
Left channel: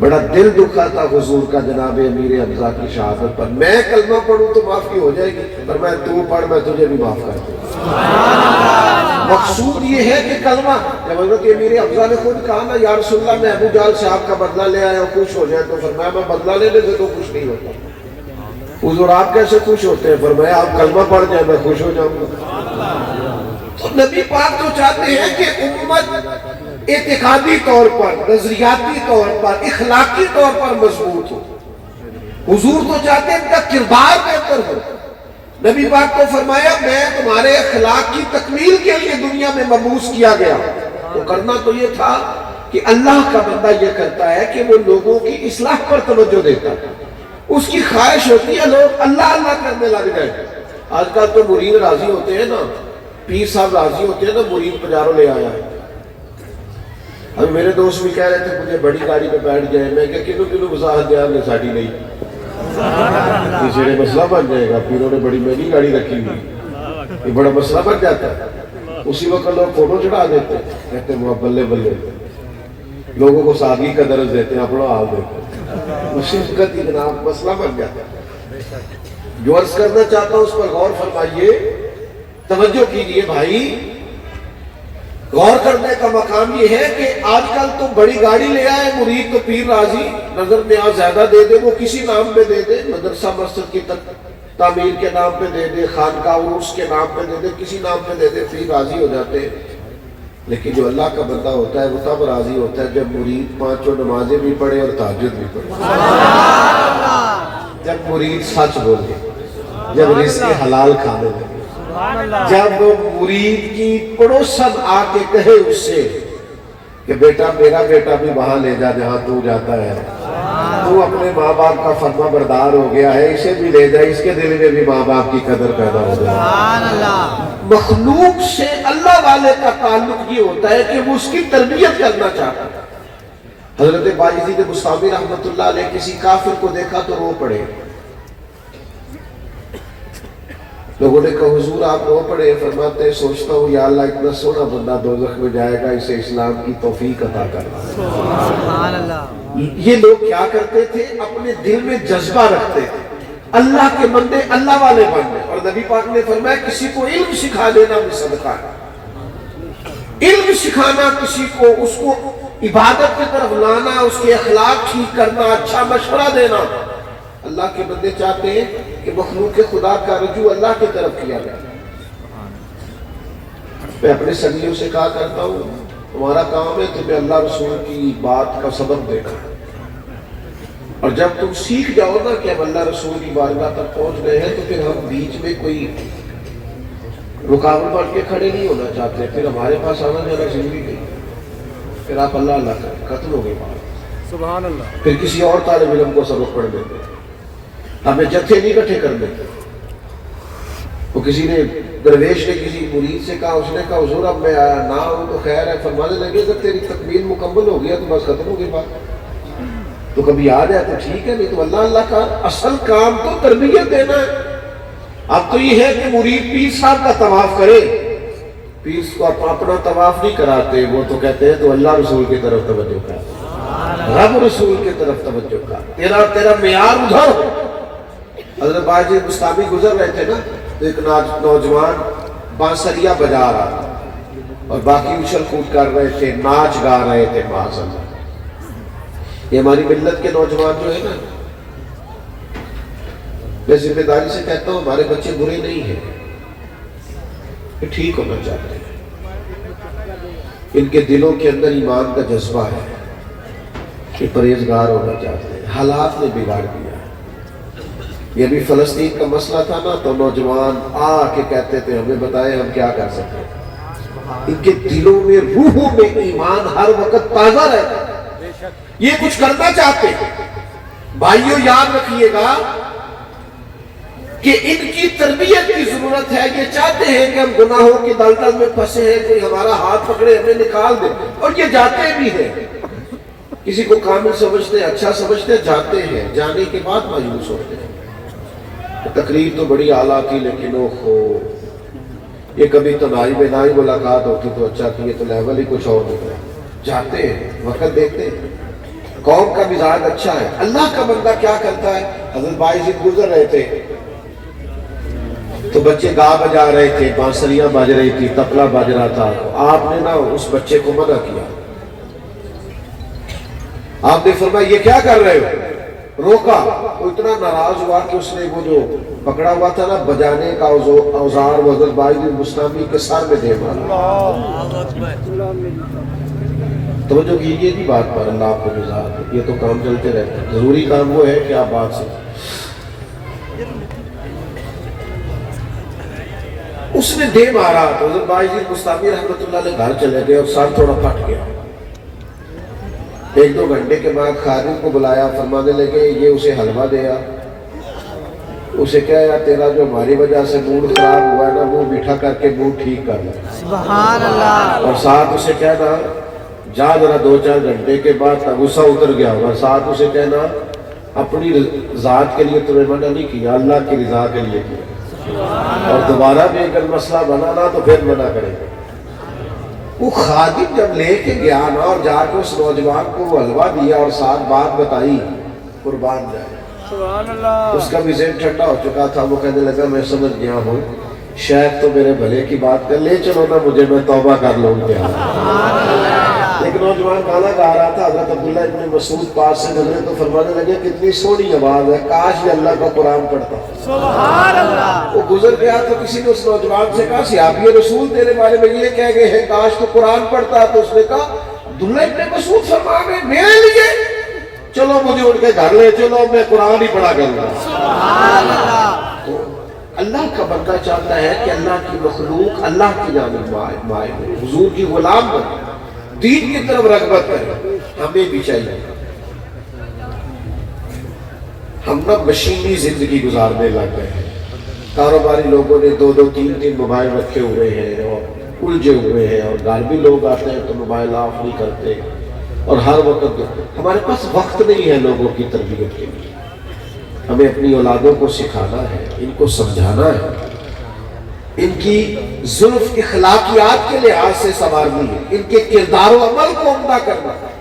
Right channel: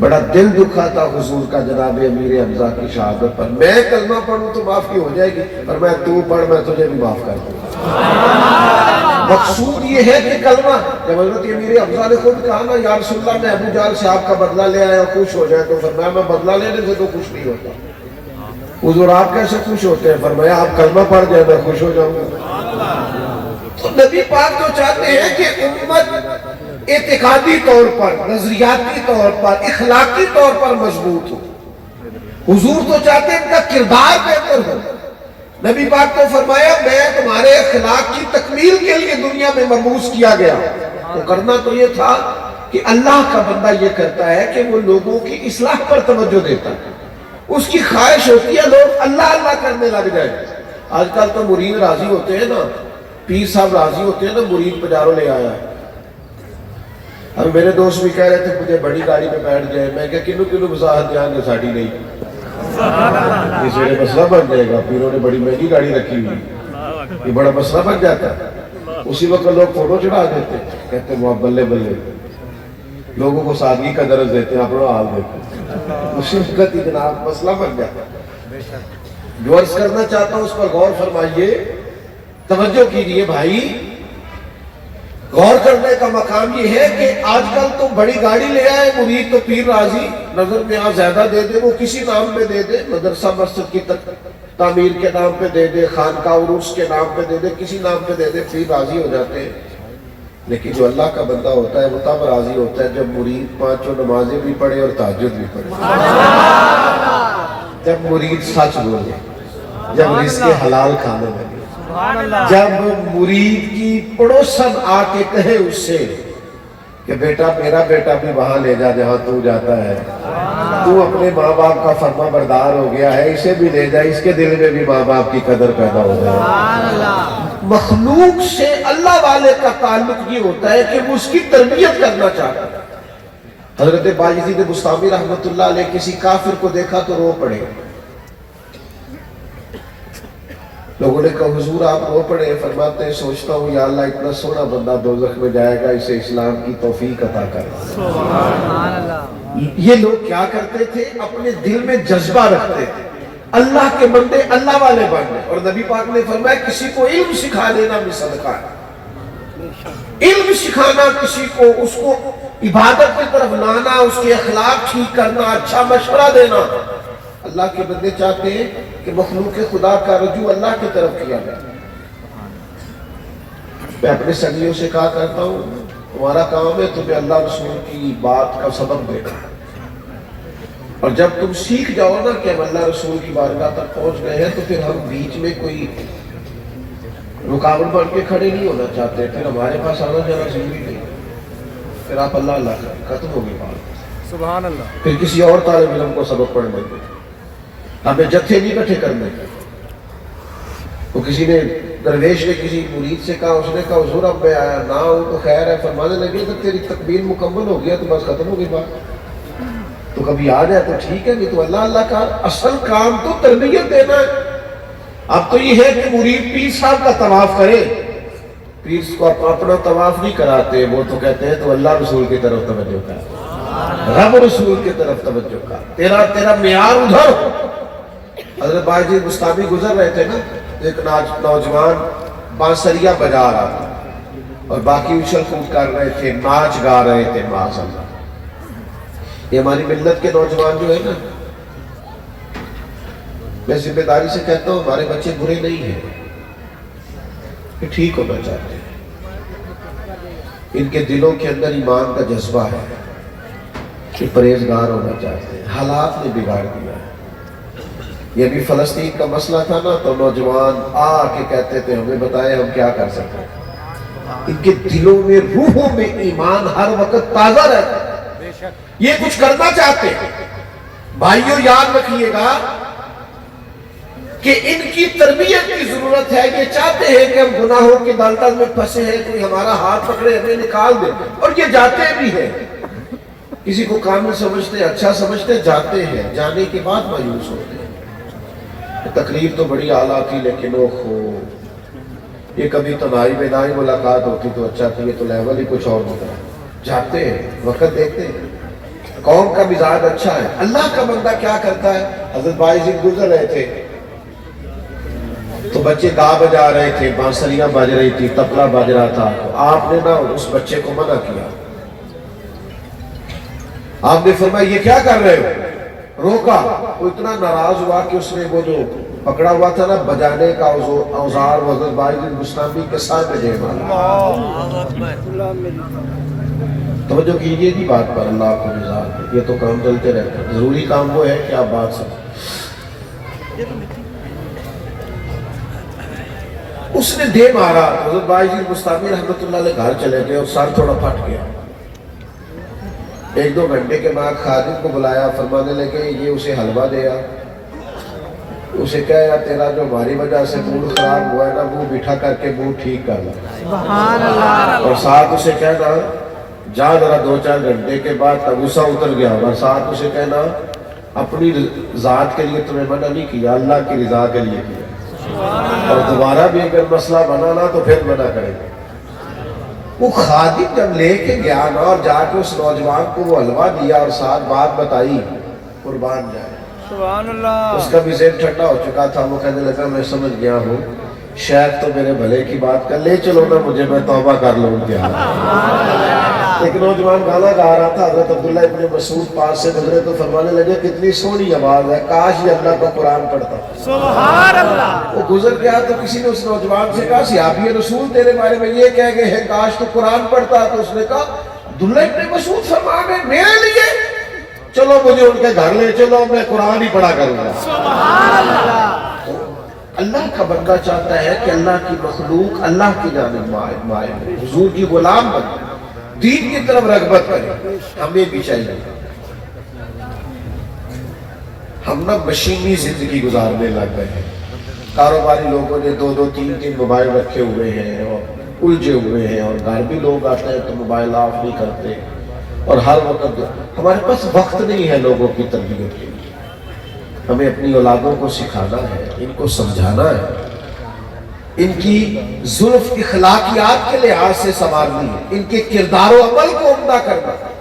بڑا دل دکھا تھا حضور کا جناب امیر حمزہ کی شہادت پر، میں کلمہ پڑھوں تو معافی ہو جائے گی، اور میں تو پڑھ میں تجھے بھی معاف کر دوں۔ مقصود یہ ہے کہ کلمہ، جب حضرت امیر حمزہ نے خود کہا نا یا رسول اللہ میں ابو جہل صاحب کا بدلہ لے آیا خوش ہو جائے، تو فرمایا میں بدلہ لینے سے تو خوش نہیں ہوتا۔ حضور آپ کیسے خوش ہوتے ہیں؟ فرمایا آپ کلمہ پڑھ جائیں میں خوش ہو جاؤں گا۔ تو نبی پاک تو چاہتے ہیں کہ امت اعتقادی طور پر، نظریاتی طور پر، اخلاقی طور پر مضبوط ہو۔ حضور تو چاہتے ہیں ان کا کردار بہتر ہو۔ نبی پاک نے فرمایا میں تمہارے اخلاق کی تکمیل کے لیے دنیا میں مبعوث کیا گیا۔ تو کرنا تو یہ تھا کہ اللہ کا بندہ یہ کرتا ہے کہ وہ لوگوں کی اصلاح پر توجہ دیتا ہے، اس کی خواہش ہوتی ہے لوگ اللہ اللہ کرنے لگ جائے۔ آج کل تو مرید راضی ہوتے ہیں نا، پیر صاحب راضی ہوتے ہیں نا مرید پجاروں لے آیا ہے۔ اب میرے دوست بھی کہہ رہے تھے مجھے بڑی گاڑی میں بیٹھ جائے، میں کہا کنو کنو وضاحت دیاں گے ساڑی نہیں، اس ویلے مسئلہ بن جائے گا، پیروں نے بڑی مہنگی گاڑی رکھی ہوئی، یہ بڑا مسئلہ بن جاتا ہے۔ اسی وقت لوگ فوٹو چڑھا دیتے کہتے ہیں بلے بلے، لوگوں کو سادگی کا درس دیتے ہیں، اپنا حال دیتے، مشقت جناب مسئلہ بن جاتا ہے۔ جو عرض کرنا چاہتا ہوں اس پر غور فرمائیے، توجہ کیجئے بھائی، غور کرنے کا مقام یہ ہے کہ آج کل تو بڑی گاڑی لے آئے مرید تو پیر راضی، نظر نیاز زیادہ دے دے، وہ کسی نام پہ دے دے، مدرسہ مسجد کی تعمیر کے نام پہ دے دے، خانقاہ عروس کے نام پہ دے دے، کسی نام پہ دے دے، پیر راضی ہو جاتے ہیں۔ لیکن جو اللہ کا بندہ ہوتا ہے وہ تب راضی ہوتا ہے جب مرید پانچوں نمازیں بھی پڑھے اور تہجد بھی پڑھے، جب مرید سچ بولے، جب رزق حلال کھانے لگے، جب مرید کی پڑوسن آ کے کہے اس سے کہ بیٹا میرا بیٹا بھی وہاں لے جا جہاں تو جاتا ہے، تو اپنے ماں باپ کا فرما بردار ہو گیا ہے، اسے بھی لے جائے، اس کے دل میں بھی ماں باپ کی قدر پیدا ہو جائے۔ مخلوق سے اللہ والے کا تعلق یہ ہوتا ہے کہ وہ اس کی تربیت کرنا چاہتا ہے۔ حضرت بایزید بسطامی رحمت اللہ علیہ کسی کافر کو دیکھا تو رو پڑے، لوگوں نے کہا حضور آپ رو پڑے، فرماتے ہیں سوچتا ہوں یا اللہ اتنا سونا بندہ دوزخ میں جائے گا، اسے اسلام کی توفیق عطا کرنا۔ یہ لوگ کیا کرتے تھے؟ اپنے دل میں جذبہ رکھتے تھے اللہ کے بندے اللہ والے بندے، اور نبی پاک نے فرمایا کسی کو علم سکھا دینا بھی صدقہ ہے۔ علم سکھانا کسی کو، اس کو عبادت کی طرف لانا، اس کے اخلاق ٹھیک کرنا، اچھا مشورہ دینا۔ اللہ کے بندے چاہتے ہیں کہ مخلوق خدا کا رجوع اللہ کی طرف کیا جائے۔ میں اپنے سنگیوں سے کہا کرتا ہوں تمہارا کام ہے تمہیں اللہ رسول کی بات کا سبق دینا، اور جب تم سیکھ جاؤ نا کہ ہم اللہ رسول کی بارگاہ تک پہنچ گئے ہیں تو پھر ہم بیچ میں کوئی رکاوٹ بن کے کھڑے نہیں ہونا چاہتے، پھر ہمارے پاس آنا جانا ضروری نہیں، پھر آپ اللہ اللہ کریں، ختم ہو گئی بات، سبحان اللہ، پھر کسی اور طالب علم کو سبق پڑھ دیں گے، ہمیں جتھے نہیں کٹھے کر دیں۔ وہ کسی نے درویش نے کسی مرید سے کہا، اس نے کہا حضور اب میں آیا نہ ہوں تو خیر ہے، فرمانے لگے جب تیری تکمیل مکمل ہو گیا تو بس ختم ہو گئی بات، تو کبھی آ جائے تو ٹھیک ہے، نہیں تو اللہ اللہ کا اصل کام تو تربیت دینا ہے۔ اب تو یہ ہے کہ مرید پیر صاحب کا طواف کرے، پیر کو اپنا طواف نہیں کراتے، وہ تو کہتے ہیں تو اللہ رسول کی طرف توجہ کر، رب رسول کی طرف توجہ کر، تیرا معیار ادھر ہو۔ حضرت بایزید بسطامی گزر رہے تھے نا تو ایک نوجوان بانسریہ بجا رہا تھا اور باقی اچھل کود کر رہے تھے، ناچ گا رہے تھے، معاذ اللہ۔ یہ ہماری ملت کے نوجوان جو ہے نا، میں ذمہ داری سے کہتا ہوں ہمارے بچے برے نہیں ہیں، یہ ٹھیک ہونا چاہتے ہیں، ان کے دلوں کے اندر ایمان کا جذبہ ہے، یہ پرہیزگار ہونا چاہتے ہیں، حالات نے بگاڑ دیا ہے۔ یہ بھی فلسطین کا مسئلہ تھا نا تو نوجوان آ کے کہتے تھے ہمیں بتائیں ہم کیا کر سکتے ہیں، ان کے دلوں میں روحوں میں ایمان ہر وقت تازہ رہتا ہے، یہ کچھ کرنا چاہتے ہیں۔ بھائیوں یاد رکھیے گا کہ ان کی تربیت کی ضرورت ہے، یہ چاہتے ہیں کہ ہم گناہوں کی دلدل میں پھنسے ہیں، کوئی ہمارا ہاتھ پکڑے ہمیں نکال دے، اور یہ جاتے بھی ہیں، کسی کو کامل سمجھتے اچھا سمجھتے جاتے ہیں، جانے کے بعد مایوس ہوتے ہیں، تکلیف تو بڑی اعلیٰ تھی لیکن اوہ یہ کبھی تنہائی میں نہ ہی ملاقات ہوتی تو اچھا تھی، یہ تو لیول ہی کچھ اور دکھ رہا ہے۔ جاتے ہیں، وقت دیکھتے ہیں، قوم کا مزاج اچھا ہے۔ اللہ کا بندہ کیا کرتا ہے؟ حضرت باعث گزر رہے تھے تو بچے گا بجا رہے تھے، بانسریاں بج رہی تھی، تبلہ بج رہا تھا، آپ نے نا اس بچے کو منع کیا، آپ نے فرمایا یہ کیا کر رہے ہو، روکا۔ وہ اتنا ناراض ہوا کہ اس نے وہ جو پکڑا ہوا تھا نا بجانے کا اوزار حضرت باعث بستامی کے سامنے دے مارا۔ توجہ کیجیے جی بات پر، اللہ آپ کو مزاج دے، یہ تو کام چلتے رہتے ہیں، ضروری کام وہ ہے کہ آپ بات سمجھیں۔ اس نے دے مارا، حضرت باعث بستامی رحمۃ اللہ علیہ گھر چلے گئے اور سر تھوڑا پھٹ گیا۔ 1-2 گھنٹے کے بعد خادم کو بلایا، فرمانے لگے یہ اسے حلوہ دیا، اسے کہا یا تیرا جو ہماری وجہ سے موڈ خراب ہوا ہے نا وہ میٹھا کر کے موڈ ٹھیک کر لے، اور ساتھ اسے کہنا جا ذرا 2-4 گھنٹے کے بعد غصہ اتر گیا، اور ساتھ اسے کہنا اپنی ذات کے لیے تمہیں منع نہیں کیا، اللہ کی رضا کے لیے کیا، اور دوبارہ بھی اگر مسئلہ بنا نا تو پھر منع کرے گا۔ وہ خادم جب لے کے گیا نا اور جا کے اس نوجوان کو وہ حلوہ دیا اور ساتھ بات بتائی، قربان جائے اس کا بھی ذہن ٹھنڈا ہو چکا تھا، وہ کہنے لگا میں سمجھ گیا ہوں، شاید تو میرے بھلے کی بات کر لے چلو نا مجھے، میں توبہ کر لوں گا۔ ایک نوجوان گانا گا رہا تھا، حضرت عبداللہ ابن مسعود پاس سے گزرے تو فرمانے لگے کتنی سونی آواز ہے، کاش یہ اللہ کا قرآن پڑھتا۔ وہ گزر گیا تو کسی نے اس نوجوان سے کہا صحابی رسول تیرے بارے میں یہ کہہ گئے ہیں کاش تو قرآن پڑھتا، تو اس نے کہا عبداللہ ابن مسعود فرما گئے میرے لیے، چلو مجھے ان کے گھر لے چلو، میں قرآن ہی پڑھا کروں گا۔ تو اللہ کا بندہ چاہتا ہے کہ اللہ کی مخلوق اللہ کی جانب مائل ہو، حضور کی غلام بنے، دین کی طرف رغبت کرے۔ ہمیں بھی چاہیے، ہم نہ مشینی زندگی گزارنے لگ گئے ہیں، کاروباری لوگوں نے 2-3 موبائل رکھے ہوئے ہیں اور الجھے ہوئے ہیں، اور گھر بھی لوگ آتے ہیں تو موبائل آف نہیں کرتے، اور ہر وقت ہمارے پاس وقت نہیں ہے لوگوں کی تربیت کے لیے۔ ہمیں اپنی اولادوں کو سکھانا ہے، ان کو سمجھانا ہے، ان کی ظلف اخلاقیات کے لحاظ سے سنوارنی ہے، ان کے کردار و عمل کو عمدہ کرنا ہے۔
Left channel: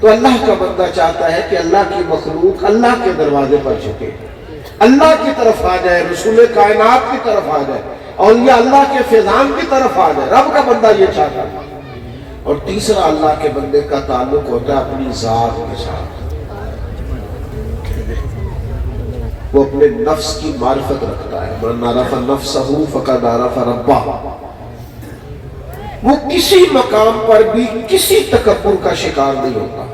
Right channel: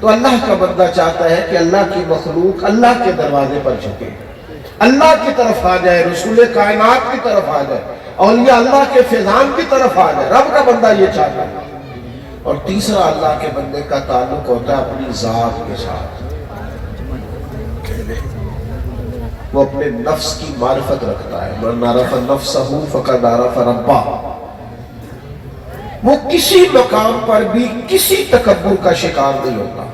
تو اللہ کا بندہ چاہتا ہے کہ اللہ کی مخلوق اللہ کے دروازے پر جھکے، اللہ کی طرف آ جائے، رسول کائنات کی طرف آ جائے، اولیاء اللہ کے فیضان کی طرف آ جائے۔ رب کا بندہ یہ چاہتا ہے۔ اور تیسرا اللہ کے بندے کا تعلق ہوتا ہے اپنی ذات کے ساتھ، وہ اپنے نفس کی معرفت رکھتا ہے، من عرف نفسہ فقد عرف ربہ۔ وہ کسی مقام پر بھی کسی تکبر کا شکار نہیں ہوتا۔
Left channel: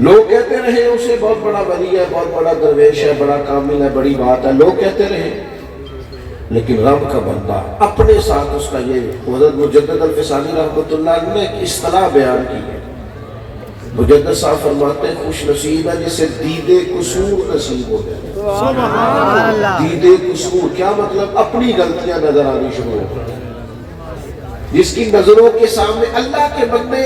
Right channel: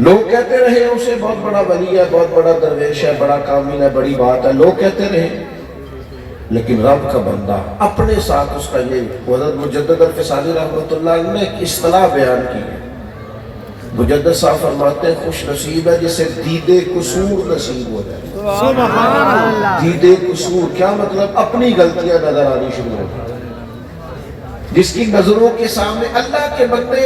لوگ کہتے رہے اسے بہت بڑا ولی ہے، بہت بڑا درویش ہے، بڑا کامل ہے، بڑی بات ہے، لوگ کہتے رہے، لیکن رب کا بندہ اپنے ساتھ اس کا یہ حضرت مجدد الفسانی رحمۃ اللہ علیہ نے ایک اصطلاح بیان کی ہے۔ مجدد صاحب فرماتے ہیں خوش نصیب ہے جسے دیدے قصور نصیب ہو جائے۔ دیدے قصور کیا مطلب؟ اپنی غلطیاں نظر آنی شروع ہو، جس کی نظروں کے سامنے اللہ کے بندے،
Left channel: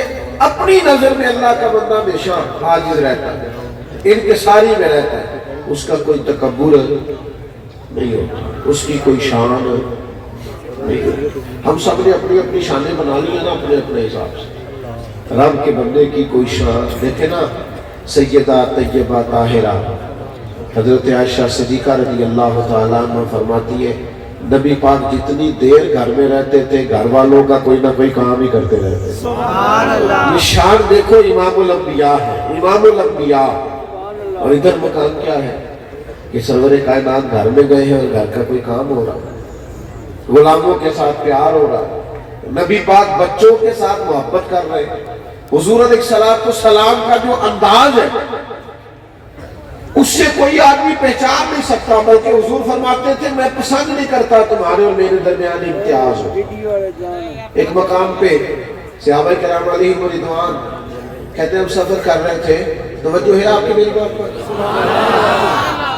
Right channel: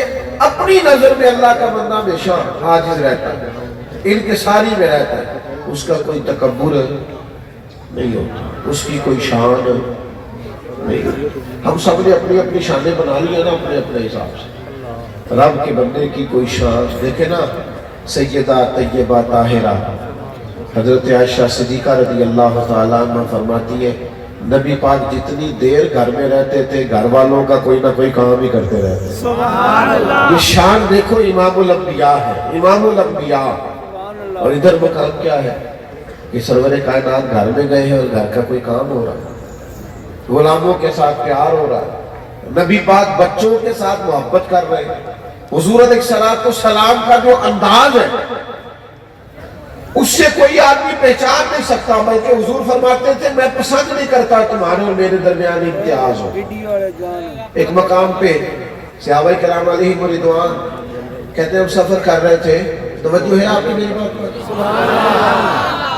اپنی نظر میں اللہ کا بندہ ہمیشہ حاضر رہتا ہے، انکساری میں رہتا ہے، اس کا کوئی تکبر نہیں ہوتا، اس کی کوئی شان نہیں ہوتی۔ ہم سب نے اپنی اپنی شانیں بنا لی ہیں نا اپنے اپنے حساب سے۔ رب کے بندے کی کوئی شان دیکھیں نا، سیدہ طیبہ طاہرہ حضرت عائشہ صدیقہ رضی اللہ تعالیٰ عنہ فرماتی ہے نبی پاک جتنی دیر گھر میں رہتے تھے گھر والوں کا کوئی نہ کوئی کام ہی کرتے رہتے۔ یہ شان دیکھو، امام الانبیاء ہے، امام الانبیاء، اور ادھر مقام کیا ہے کہ سرور کائنات گھر میں گئے ہیں اور گھر کا کوئی کام ہو رہا، غلاموں کے ساتھ پیار ہو رہا، نبی پاک بچوں کے ساتھ محبت کر رہے ہیں۔ حضور علیہ السلام کا جو انداز ہے اس سے کوئی آدمی پہچان نہیں سکتا، بلکہ حضور فرماتے تھے میں پسند نہیں کرتا تمہارے اور میرے درمیان امتیاز ہو۔ ایک مقام پہ صحابہ کرام علیہم رضوان کہتے ہیں ہم سفر کر رہے تھے، توجہ ہے آپ کی میری بات پر؟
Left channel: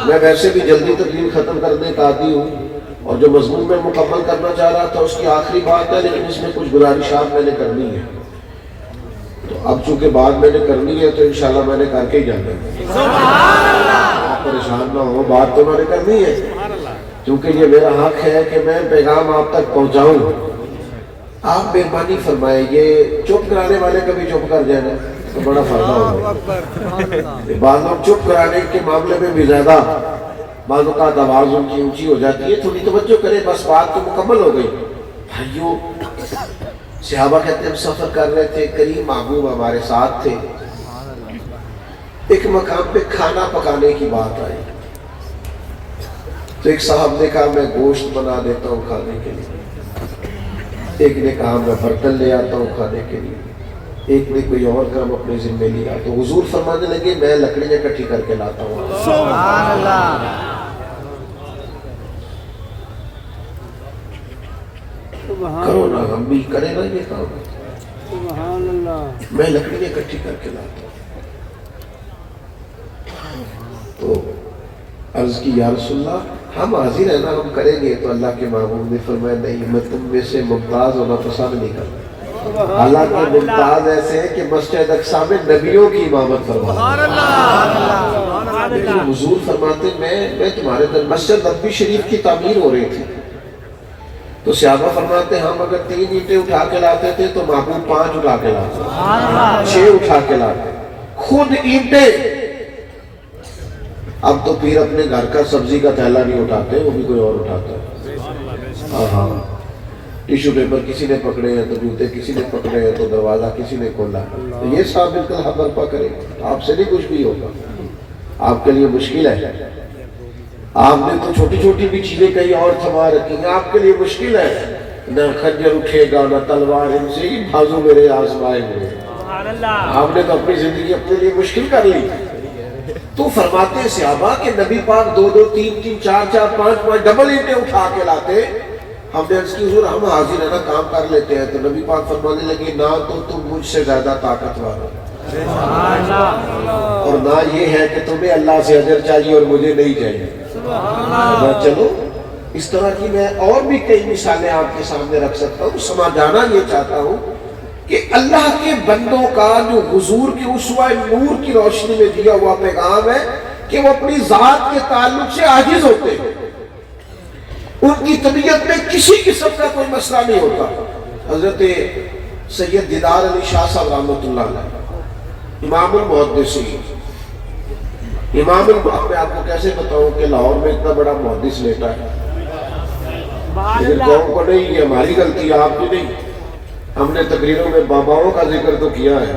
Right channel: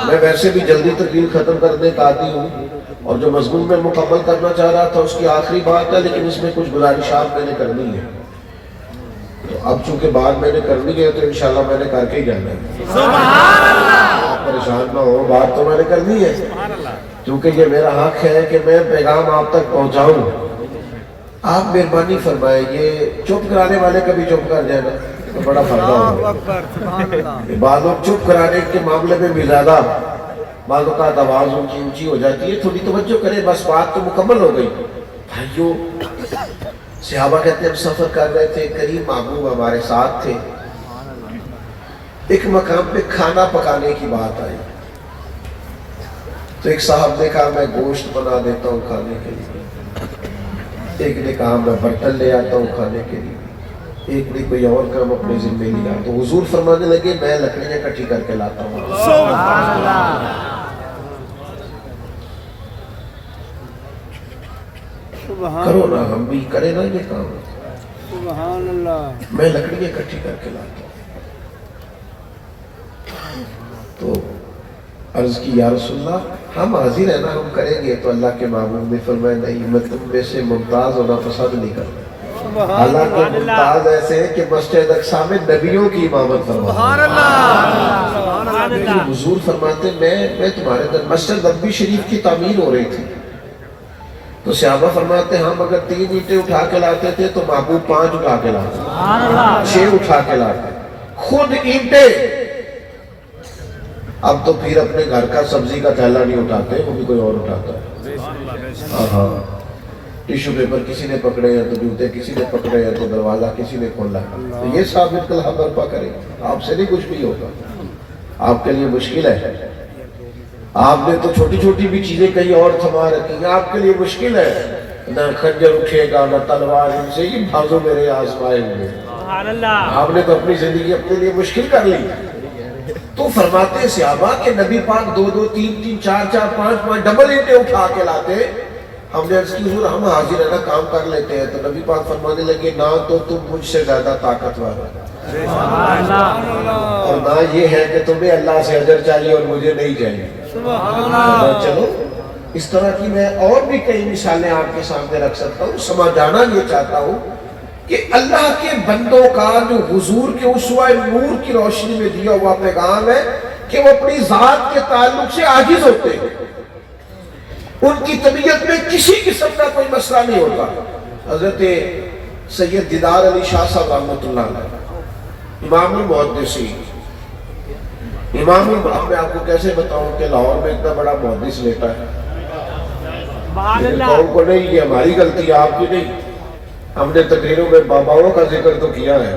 میں ویسے بھی جلدی تقریر ختم کرنے کا عادی ہوں، اور جو مضمون میں مکمل کرنا چاہ رہا تھا اس کی آخری بات ہے، لیکن اس میں کچھ گزارشات میں نے کرنی ہے، تو اب چونکہ بات میں نے کرنی ہے تو انشاءاللہ میں نے کر کے ہی جانا ہے، پریشان نہ ہو، بات تو میں نے کرنی ہے۔ کیونکہ یہ میرا حق ہے کہ میں پیغام آپ تک پہنچاؤں. آپ مہربانی فرمائیں یہ چپ کرانے والے کبھی چپ کر جائے نا تو بڑا فائدہ ہوگا. بعض لوگ چپ کرانے کے معاملے میں بھی زیادہ بعض اوقات آواز ان کی اونچی ہو جاتی ہے. تھوڑی توجہ کرے بس بات تو مکمل ہو گئی. بھائیو صحابہ کہتے ہیں ہم سفر کر رہے تھے, کریم محبوب ہمارے ساتھ تھے. ایک مقام پہ کھانا پکانے کی بات آئی تو ایک صاحب نے کہا میں گوشت بنا دیتا ہوں کھانے کے لیے, ایک نے کہا میں برتن لے آتا ہوں کھانے کے لیے, ایک نے کوئی اور کام اپنے ذمہ لیا. تو حضور فرمانے لگے میں لکڑیاں اکٹھی کر کے لاتا ہوں. سبحان اللہ کرو نا, ہم بھی کریں نا یہ کام. سبحان اللہ میں لکڑیاں اکٹھی کر کے لاتا ہوں. تو عرض کی یا رسول اللہ ہم حاضر ہیں نا, ہم کریں گے. تو اللہ کے محبوب نے فرمایا نہیں, میں تم میں سے ممتاز ہونا پسند نہیں کرتا. حالانکہ ممتاز ایسے ہیں کہ مسجد اقصی میں نبیوں کی امامت فرماتے ہیں. لیکن حضور فرماتے میں تمہارے در مسجد نبوی شریف کی تعمیر ہو رہی تھی تو صحابہ فرماتے ہم اگر 3 اینٹیں اٹھا کے لاتے تھے تو محبوب 5 اٹھا کے لاتے, 6 اٹھا کے لاتے خود اینٹیں. اب تو پھر اپنے گھر کا سبزی کا تھیلا نہیں اٹھاتے, وہ بھی کوئی اور اٹھاتا ہے. ہاں ٹیشو پیپر کسی نے پکڑے ہیں تو جوتے کسی نے پکڑے ہیں تو دروازہ کسی نے کھولا. تو یہ ثابت کل ہم برپا کریں, آپ سے نہیں کچھ بھی ہوگا. آپ کے لیے مشکل ہے. آپ نے تو چھوٹی چھوٹی بھی چیزیں کہیں اور تھما رکھی ہیں, آپ کے لیے مشکل ہے. نہ خنجر اٹھے گا نہ تلوار, ان سے ہی بازو میرے آزمائے ہوئے. آپ نے تو اپنی زندگی اپنے لیے مشکل کر لی. تو فرماتے ہیں صحابہ کہ نبی پاک 2-2, 3-3, 4-4, 5-5 ڈبل اینٹیں اٹھا کے لاتے. ہم نے عرض کی حضور ہم حاضر ہیں نا, کام کر لیتے ہیں. تو نبی پاک فرمانے لگے نہ تو تم مجھ سے زیادہ طاقتور ہو اور نہ یہ ہے کہ تمہیں اللہ سے اجر چاہیے اور مجھے نہیں چاہیے. چلو اس طرح کی میں اور بھی کئی مثالیں آپ کے سامنے رکھ سکتا ہوں. سمجھانا یہ چاہتا ہوں کہ اللہ کے بندوں کا جو حضور کے اسوہ نور کی روشنی میں دیا ہوا پیغام ہے کہ وہ اپنی ذات کے تعلق سے عاجز ہوتے ہیں. ان کی طبیعت میں کسی قسم کا کوئی مسئلہ نہیں ہوتا. حضرت سید دیدار علی شاہ صاحب رحمۃ اللہ علیہ امام المحدثین, امام میں آپ کو کیسے بتاؤں کہ لاہور میں اتنا بڑا محدث لیتا ہے, لیکن قوم کو نہیں, یہ ہماری غلطی ہے آپ کی نہیں. ہم نے تقریروں میں باباؤں کا ذکر تو کیا ہے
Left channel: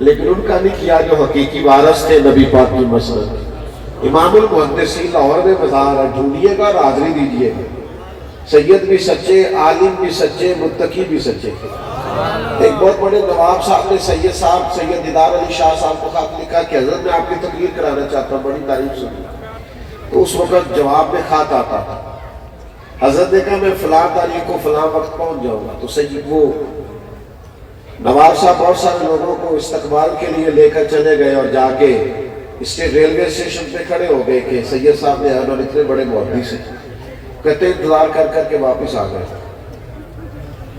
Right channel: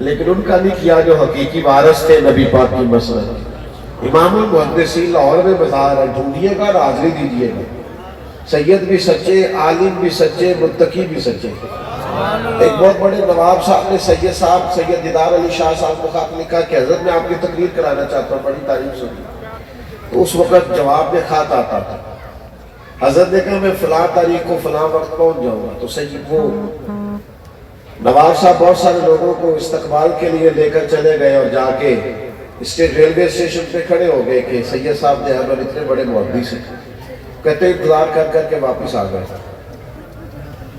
لیکن ان کا نہیں کیا جو حقیقی وارث تھے نبی پاک کی مسند. امام المحدثین لاہور میں مزار ہے, ڈھونڈیے گا اور حاضری دیجیے گا. سید بھی سچے, عالم بھی سچے, متقی بھی سچے. ایک بہت بڑے نواب صاحب نے سید صاحب سید دیدار علی شاہ صاحب کو خط لکھا کہ حضرت میں آپ کی تقریر کرانا چاہتا ہوں, بڑی تعریف سنی. تو اس وقت جواب میں خط آتا تھا. حضرت نے کہا میں فلاں تاریخ کو فلاں وقت پہنچ جاؤں گا. تو سید وہ نواب صاحب بہت سارے لوگوں کو استقبال کے لیے لے کر چلے گئے اور جا کے اسٹیٹ ریلوے اسٹیشن پہ کھڑے ہو گئے کہ سید صاحب نے اور اتنے بڑے محدث ہیں. کہتے انتظار کر کر کے واپس آ گئے.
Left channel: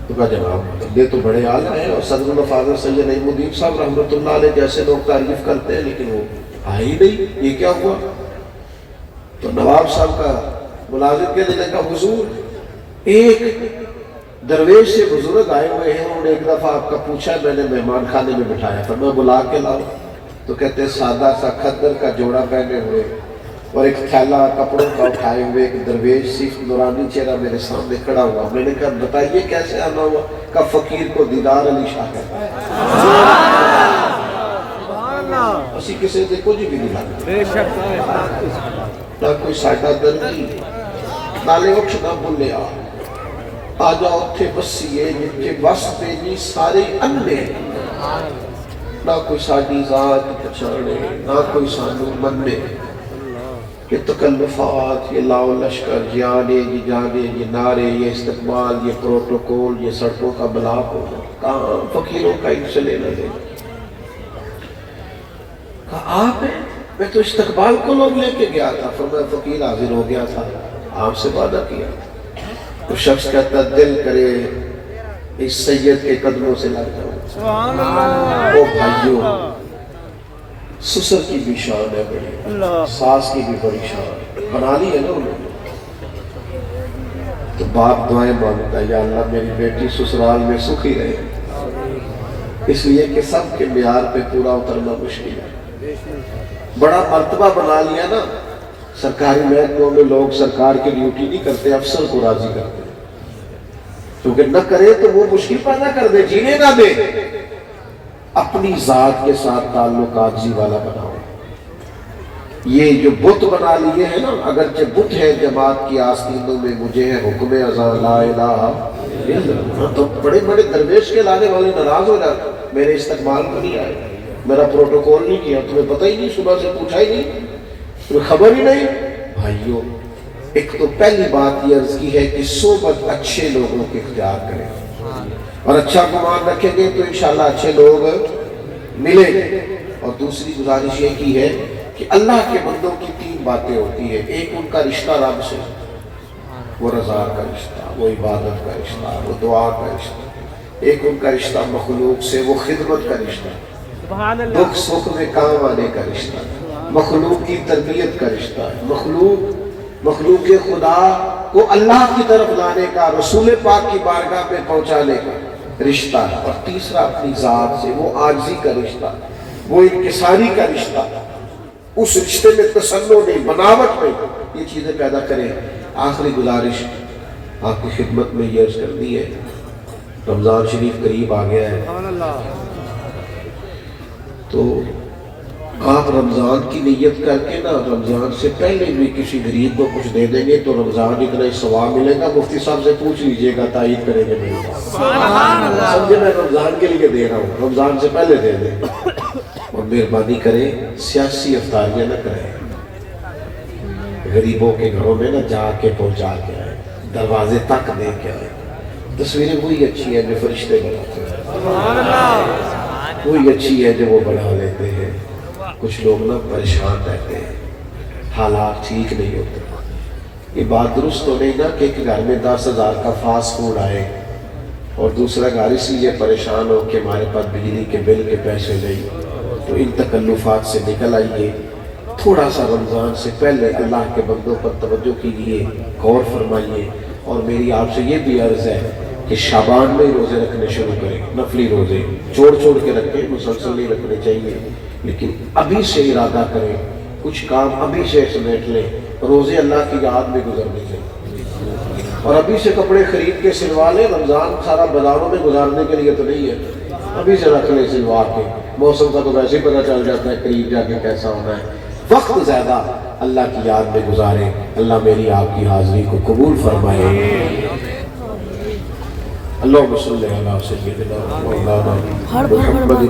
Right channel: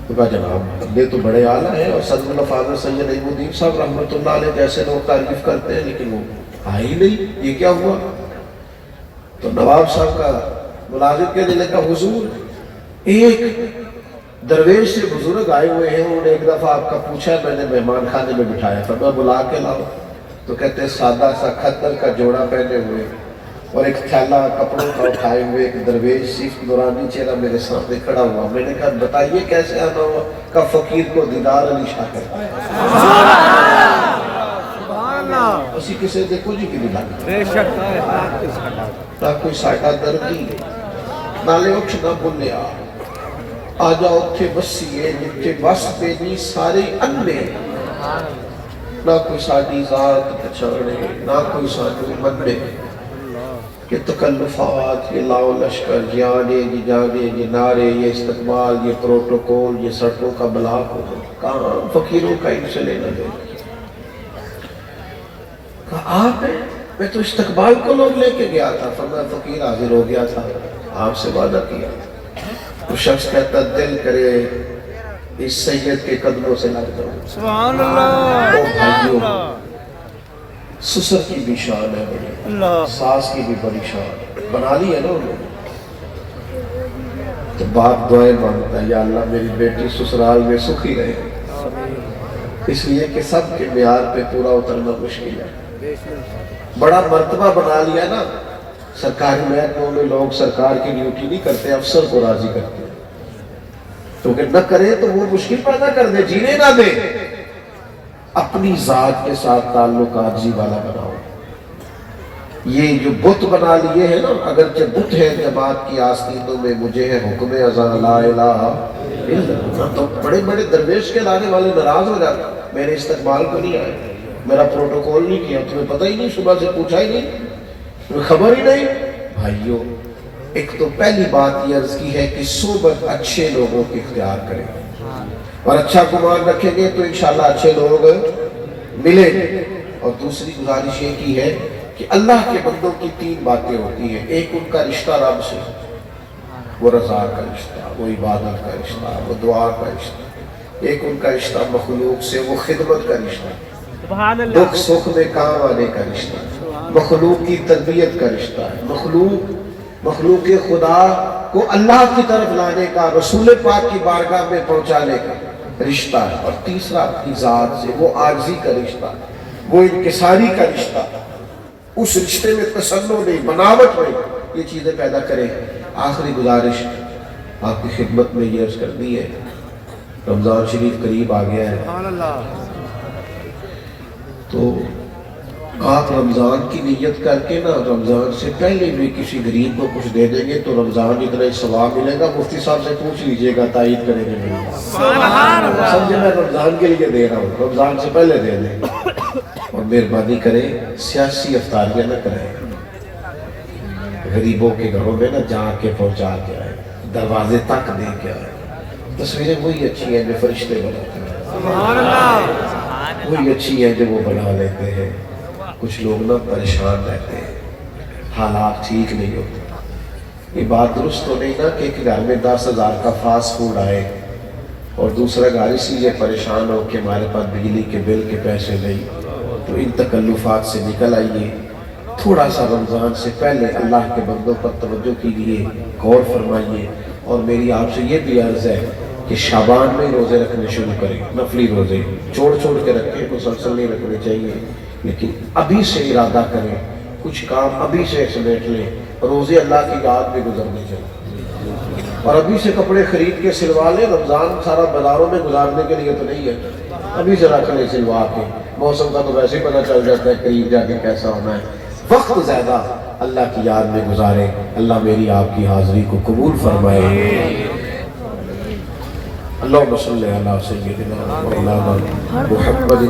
تو کہا جناب یہ تو بڑے اعلیٰ ہیں اور صدر الفاظر سید نعیم الدین صاحب رحمۃ اللہ علیہ جیسے لوگ تعریف کرتے ہیں لیکن وہ آئے ہی نہیں, یہ کیا ہوا. تو نواب صاحب کا ملازم کے لیے کہا حضور ایک درویش سے بزرگ آئے ہوئے ہیں, انہوں نے ایک دفعہ آپ کا پوچھا, میں نے مہمان خانے میں بٹھایا, فرمایا بلا کے لاؤ. تو کہتے ہیں سادہ سا کھدر کا جوڑا پہنے ہوئے اور ایک تھیلا کپڑوں کا اٹھائے ہوئے ایک درویش صرف نورانی چہرہ میرے سامنے کھڑا ہوا. میں نے کہا بتائیے کیسے آنا ہوا. کہا فقیر کو دیدار علی شاہ کا. اسی کسی دیکھو جی بھی دلا نہ کوئی ساڈا دردی نالے اکش نہ بھولیا, آ جاؤ تھے بسیے جتھے بس پہ نہیں سارے انے, نہ کوئی ساڈی ذات پچھاڑے نہ کوئی سانو من میں. یہ تکلفات, یہ لاؤ لشکر, یہ آنے یہ جانے, یہ نعرے, یہ استقبال, یہ پروٹوکول, یہ سڑکوں کا بلاک ہو, کہاں فقیروں کا ان سے لینا دینا. کہا آپ ہیں, میں تو استقبال کو لوگ لے کے گیا تھا. فرمایا فقیر حاضر ہو گیا تھا, آپ سے وعدہ کیا. وہ شخص کہتا دل کرے اس سید کے قدموں سے لگ جاؤں. او بھائیوں, سسر کی بھی شان ہے بڑی, ساس کی بھی بڑی شان ہے, بنا لی ہے نا انہوں نے. تو باپ دعائیں مانگتا ہے یا اللہ میری بیٹی سسرال میں سکھی رہے، اس لیے کہ سب کے معیار پہ پورا اترنا مشکل ہے۔ بڑا مرتبہ بنا لیا نا، سرکاری محکموں میں لوگ سرکار کی ڈیوٹی نہیں کرتے، افسر کو راضی کرتے، کیونکہ نہ کرے تو وہ مشکل پیدا کر دے، جینے نہ دے۔ اپنی ذات کے ساتھ تعلق عاجزی والا بناؤ۔ یہ جو بت بنا لیے ہیں نا، اگرچہ بت ہے جماعت کی آستینوں میں، مجھے ہے حکم ازاں لا الہ الا اللہ، تو بڑے بڑے درویش کے لانے والے ناراض ہو جاتے، میرے استقبال کو نہیں آئے، میرا پروٹوکول نہیں کیا، تمہیں پتہ ہی نہیں، صبح سے پوچھا ہی نہیں، تمہیں خبر ہی نہیں۔ بھائیو، ایک تو پہلی بات یہ عرض کی ہے کہ صحبت اچھے لوگوں کی اختیار کریں، اور اچھا گمان رکھیں گے تو انشاءاللہ اچھے لوگ ملیں گے۔ اور دوسری گزارش یہ کی ہے کہ اللہ کے بندوں کی تین باتیں ہوتی ہیں، ایک ان کا رشتہ رب سے، وہ رضا کا رشتہ، وہ عبادت کا رشتہ، وہ دعا کا رشتہ، ایک ان کا رشتہ مخلوق سے، وہ خدمت کا رشتہ، دکھ سکھ میں کام آنے کا رشتہ، مخلوق کی تربیت کا رشتہ ہے، مخلوق خدا کو اللہ کی طرف لانے کا، رسول پاک کی بارگاہ میں پہنچانے کا رشتہ ہے، اور تیسرا اپنی ذات سے، وہ عاجزی کا رشتہ، وہ انکساری کا رشتہ، اس رشتے میں تسنن نہیں، بناوٹ نہیں، یہ چیزیں پیدا کریں۔ آخری گزارش آپ کی خدمت میں یہ عرض کر دی ہے، رمضان شریف قریب آ گیا ہے، تو آپ رمضان کی نیت کر کے نا، رمضان سے پہلے بھی کسی غریب کو کچھ دے دیں گے تو رمضان اتنا ہی ثواب ملے گا۔ مفتی صاحب سے پوچھ لیجئے گا، تائید کریں گے نہیں، سمجھے میں رمضان کے لیے دے رہا ہوں، رمضان سے پہلے دے دیں، اور مہربانی کریں سیاسی افطاریاں نہ کریں، غریبوں کے گھروں میں نہ جا کے پہنچا کے آئے، دروازے تک دے کے آئے۔ تصویریں وہی اچھی ہیں جو فرشتے بناتے ہیں، وہی اچھی ہیں جو وہ بنا لیتے ہیں۔ کچھ لوگ نا پریشان رہتے ہیں، حالات ٹھیک نہیں ہوتے۔ یہ بات درست تو نہیں نا کہ ایک گھر میں 10,000 کا فاسٹ فوڈ آئے اور دوسرا گھر اس لیے پریشان ہو کہ ہمارے پاس بجلی کے بل کے پیسے نہیں، تو ان تکلفات سے نکل آئیے۔ تھوڑا سا رمضان سے پہلے اللہ کے بندوں پر توجہ کیجیے، غور فرمائیے، اور میری آپ سے یہ بھی عرض ہے کہ شعبان میں روزے رکھنے شروع کریں، نفلی روزے چھوڑ کے رکھیں، مسلسل نہیں رکھنے چاہیے، لیکن ابھی سے ارادہ کریں، کچھ کام ابھی سے سمیٹ لیں، روزے اللہ کی یاد میں گزرنے چاہیے، اور ابھی سے کپڑے خرید کے سلوا لیں۔ رمضان سارا بازاروں میں گزارنے کے لیے تو نہیں ہے، ابھی سے رکھ لیں سلوا کے، موسم کا تو ویسے ہی پتہ چل جاتا ہے قریب جا کے کیسا ہونا ہے۔ وقت زیادہ اللہ کی یاد میں گزاریں، اللہ میری آپ کی حاضری کو قبول فرمائے۔ اللہم صلی علی سیدنا مولانا محمد